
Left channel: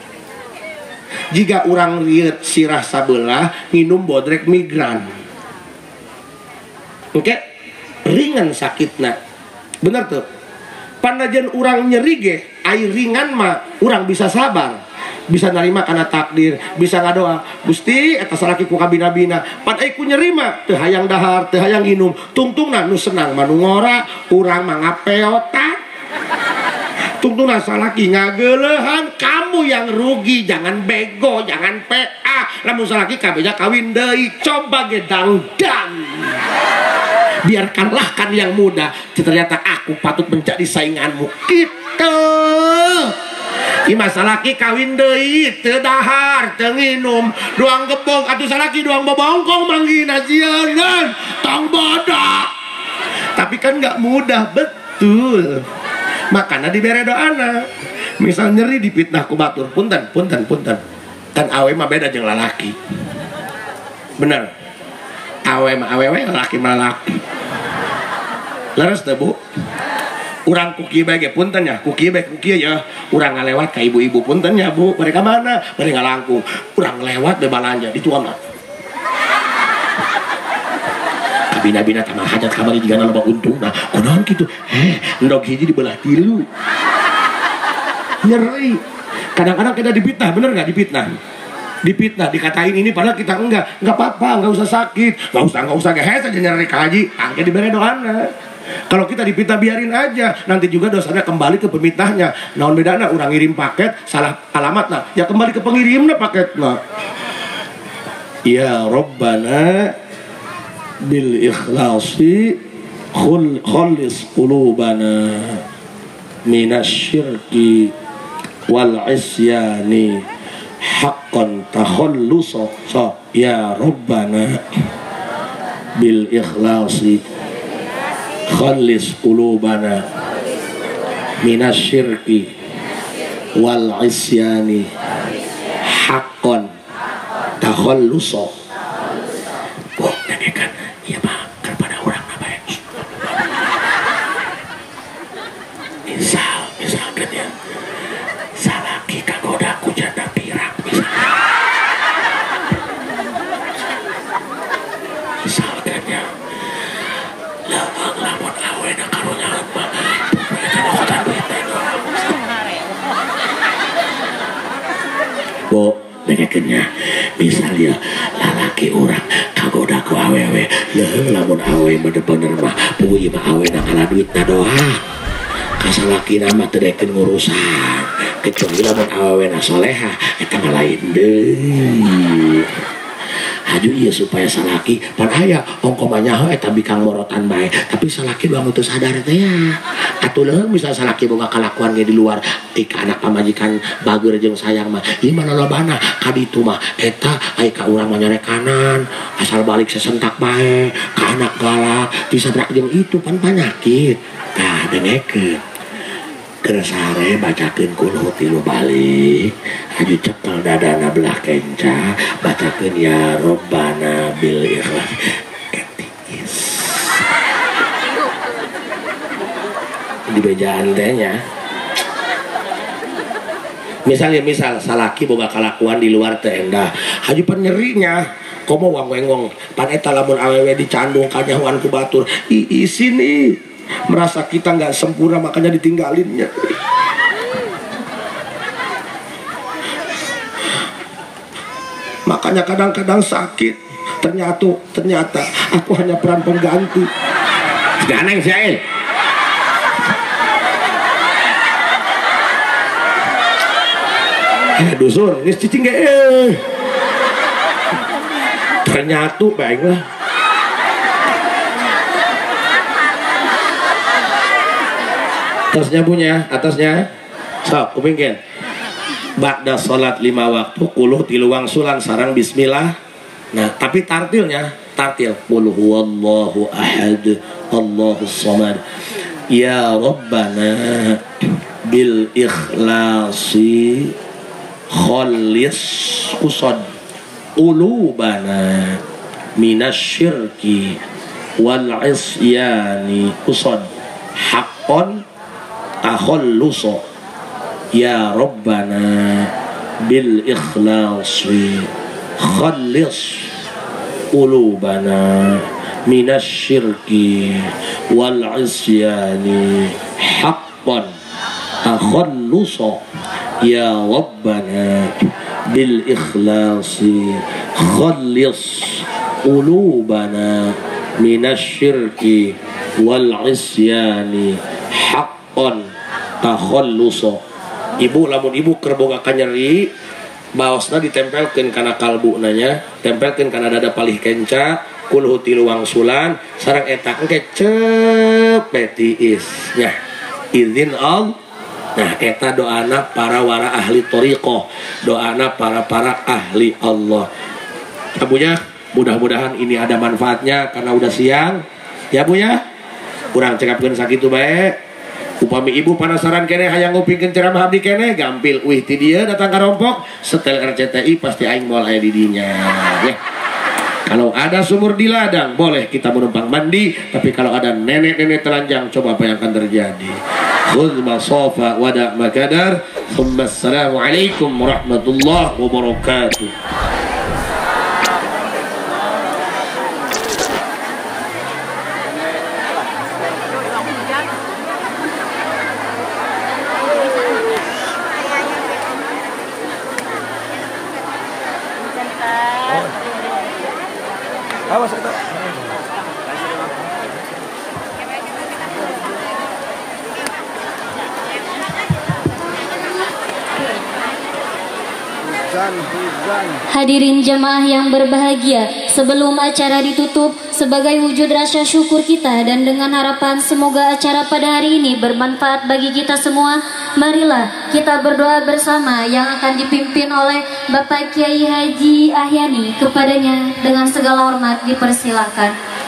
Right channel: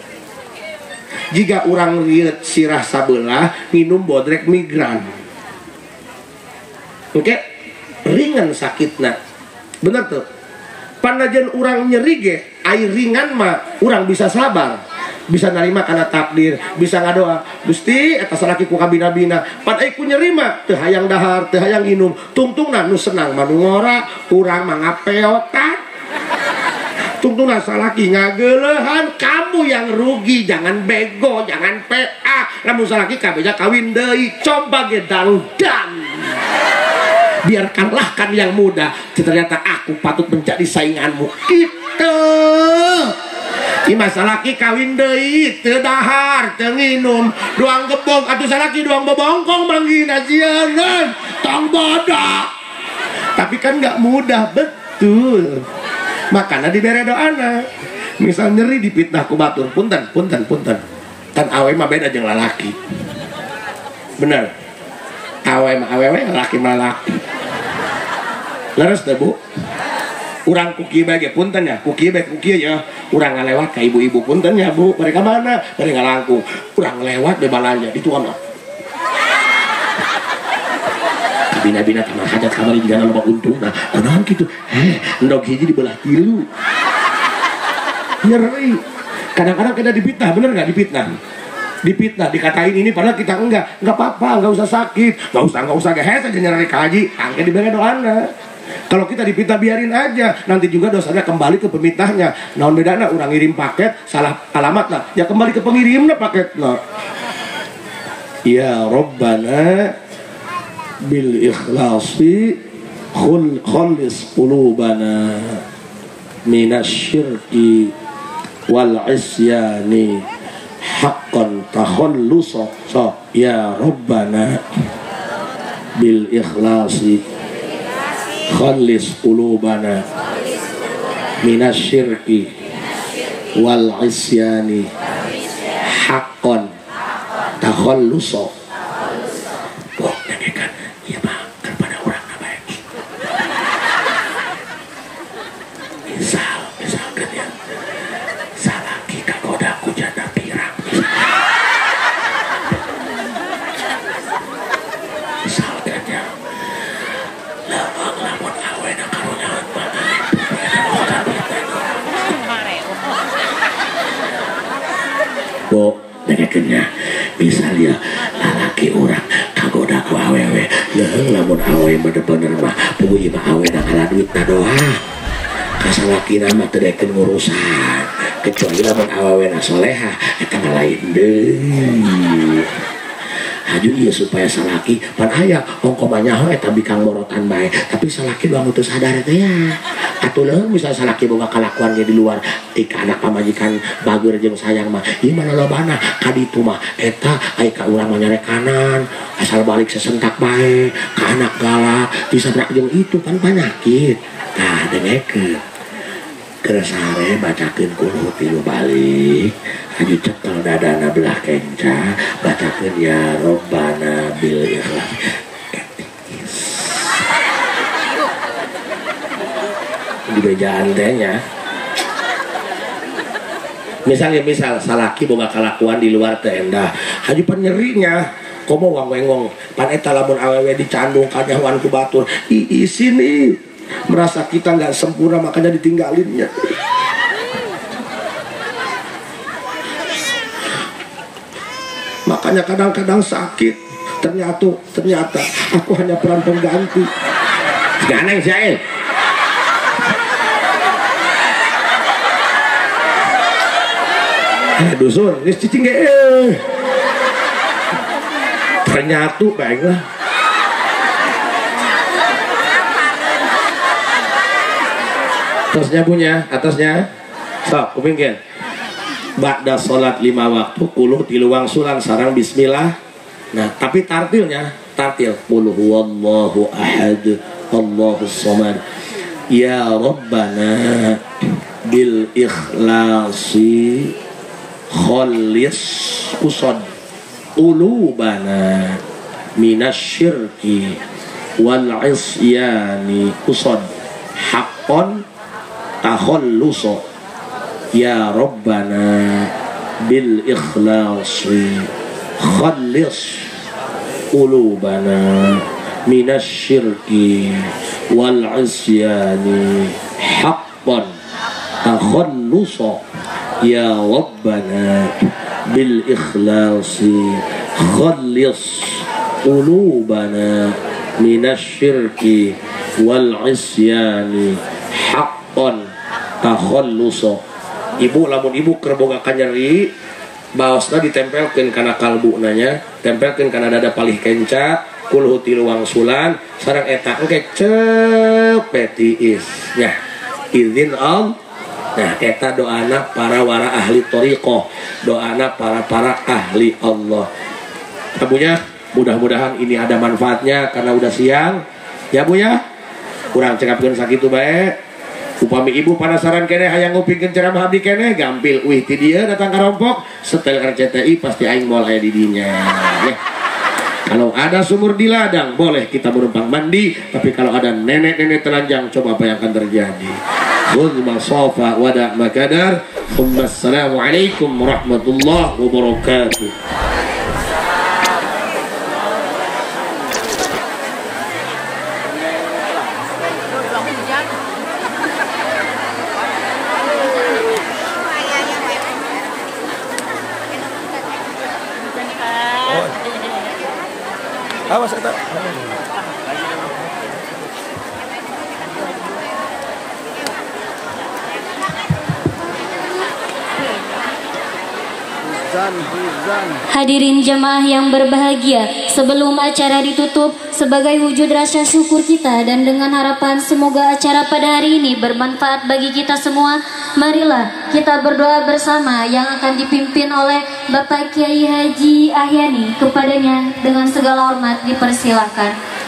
Jika orang lihat sirah sabelah minum bodrek migran, oke, ringan sakitna, bener tuh. Panajan orang nyeri ge, air ringan mah orang bisa sabar, bisa nerima karena takdir, bisa ngadoa. Gusti, eta salaki ku kabina-bina, pan ku nyeri mah teu hayang dahar, teu hayang inum, tungtungna nu senang manu ngora, urang mah ngapeotan. Tungtungna salaki ngageulehan, kamu yang rugi, jangan bego, jangan PA. Lamun salaki kabeja kawin deui, coba ge dangdan. Biarkanlah kan yang muda, ternyata aku patut menjadi sainganmu. Kitu. Ima salaki kawin deui, teu dahar, teu nginum, duang gebong, atuh salaki duang bobongkong manggina jieunan, tong bodoh. Tapi kan enggak mudah, betul. Makanya dibere doana. Misal nyeri dipitnah ku batur, punten. Kan awe mah beda jeung lalaki. Bener. Awe mah awewe, lalaki mah lalaki. Leres teh Bu? Urang kuki bae ge punten ya, kuki ya. Urang ngalewat ka ibu-ibu punten ya Bu. Mereka mana? Bari ngalangkung. Urang ngalewat de balanja di tua mah. Bina-bina tamang hadat kamar juga nambah untung nah kunaon gitu ndog hiji dibelah tilu nyeri kadang-kadang kita dipitnah bener nggak dipitnah dikatain ini padahal kita enggak apa-apa nggak usah sakit nggak usah gehes aja nyeri kaji angke diberi doana kalau kita dipitnah biarin aja nanti juga dosanya kembali ke pemitnahnya naon bedana orang ngirim paket salah alamat nah ya kembali ke pengirimnya paket nah ya Rabbana bil ikhlasi khallis qulubana minasyirki wal isyani haqqan takhallusa ya Rabbana bil ikhlasi khallis qulubana minasyirki wal isyani haqqan takhallusa. Oh, kan iya Pak, kan pada orang apa ya? Misalkan ya, salaki kagoda kujana pirang. Misalkan ya, lamun awena karunyahan banget. Bu, dengekeun nya. misalnya lalaki orang kagoda ku awewe lamun awewe bener-bener mah puji mah awewe nakala duit na doa kasalaki nama terdekin ngurusan kecuali lamun awewe na soleha eta lain deh haju iya supaya salaki pan aya ongkomanya eta bikang morotan bae tapi salaki bang itu sadar teh ya atuh misal salaki boga kalakuan di luar tika anak pamajikan bager jeung sayang mah ieu mah lolobana kaditu mah eta aya ka urang mah nyarekanan asal balik sesentak bae ka anak galak disabrak jeung itu pan penyakit nah dengekeun keresare bacakeun kulo tilu balik haju cekel dadana belah kenca bacakeun ya Rabbana bil ikhlas etikis di bejaan tehnya misal salaki boga kalakuan di luar tenda haju penyerinya komo wang-wengong pan eta lamun awewe dicandung kanyawan ku batur di sini merasa kita nggak sempurna makanya ditinggalinnya makanya kadang-kadang sakit ternyata aku hanya peran pengganti ganeng Zail dusun ini cicing ternyata baiklah atasnya stop kupingkeun ba'da salat 5 waktu kuluh tiluang sulan sarang bismillah nah tapi tartil qul huwallahu ahad Allahus samad ya Rabbana bil ikhlasi khallis usad qulubana minasyirki wal isyani usad haqqan takhalluso ya Rabbana bil ikhlasi khallis qulubana minasyirki wal isyani haqqan takhalluso ya Rabbana bil ikhlasi khallis qulubana minasyirki wal isyani haqqan takhalluso ibu lamun ibu kerbogakan nyeri baosna ditempelkeun kana kalbu nanya tempelkeun kana dada palih kenca kulhu tiluang sulan sareng eta engke cepetiis nya izin all nah eta doana para wara ahli thariqah doana para ahli Allah abunya mudah-mudahan ini ada manfaatnya karena udah siang ya Bu ya kurang cekapkeun sakitu bae upami ibu penasaran kene hayang ngupingkeun ceramah abdi kene gampil wih ti dieu datang ka Rompok setel RCTI pasti aing moal aya di dinya ya. Kalau ada sumur di ladang boleh kita menumpang mandi tapi kalau ada nenek-nenek telanjang coba apa yang akan terjadi. Khudh masafa wada makadar. Assalamualaikum warahmatullahi wabarakatuh. Hadirin jemaah yang berbahagia, sebelum acara ditutup, sebagai wujud rasa syukur kita dan dengan harapan semoga acara pada hari ini bermanfaat bagi kita semua, marilah kita berdoa bersama yang akan dipimpin oleh Bapak Kiai Haji Ahyani. Kepadanya dengan segala hormat dipersilakan.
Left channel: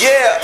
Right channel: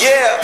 Yeah.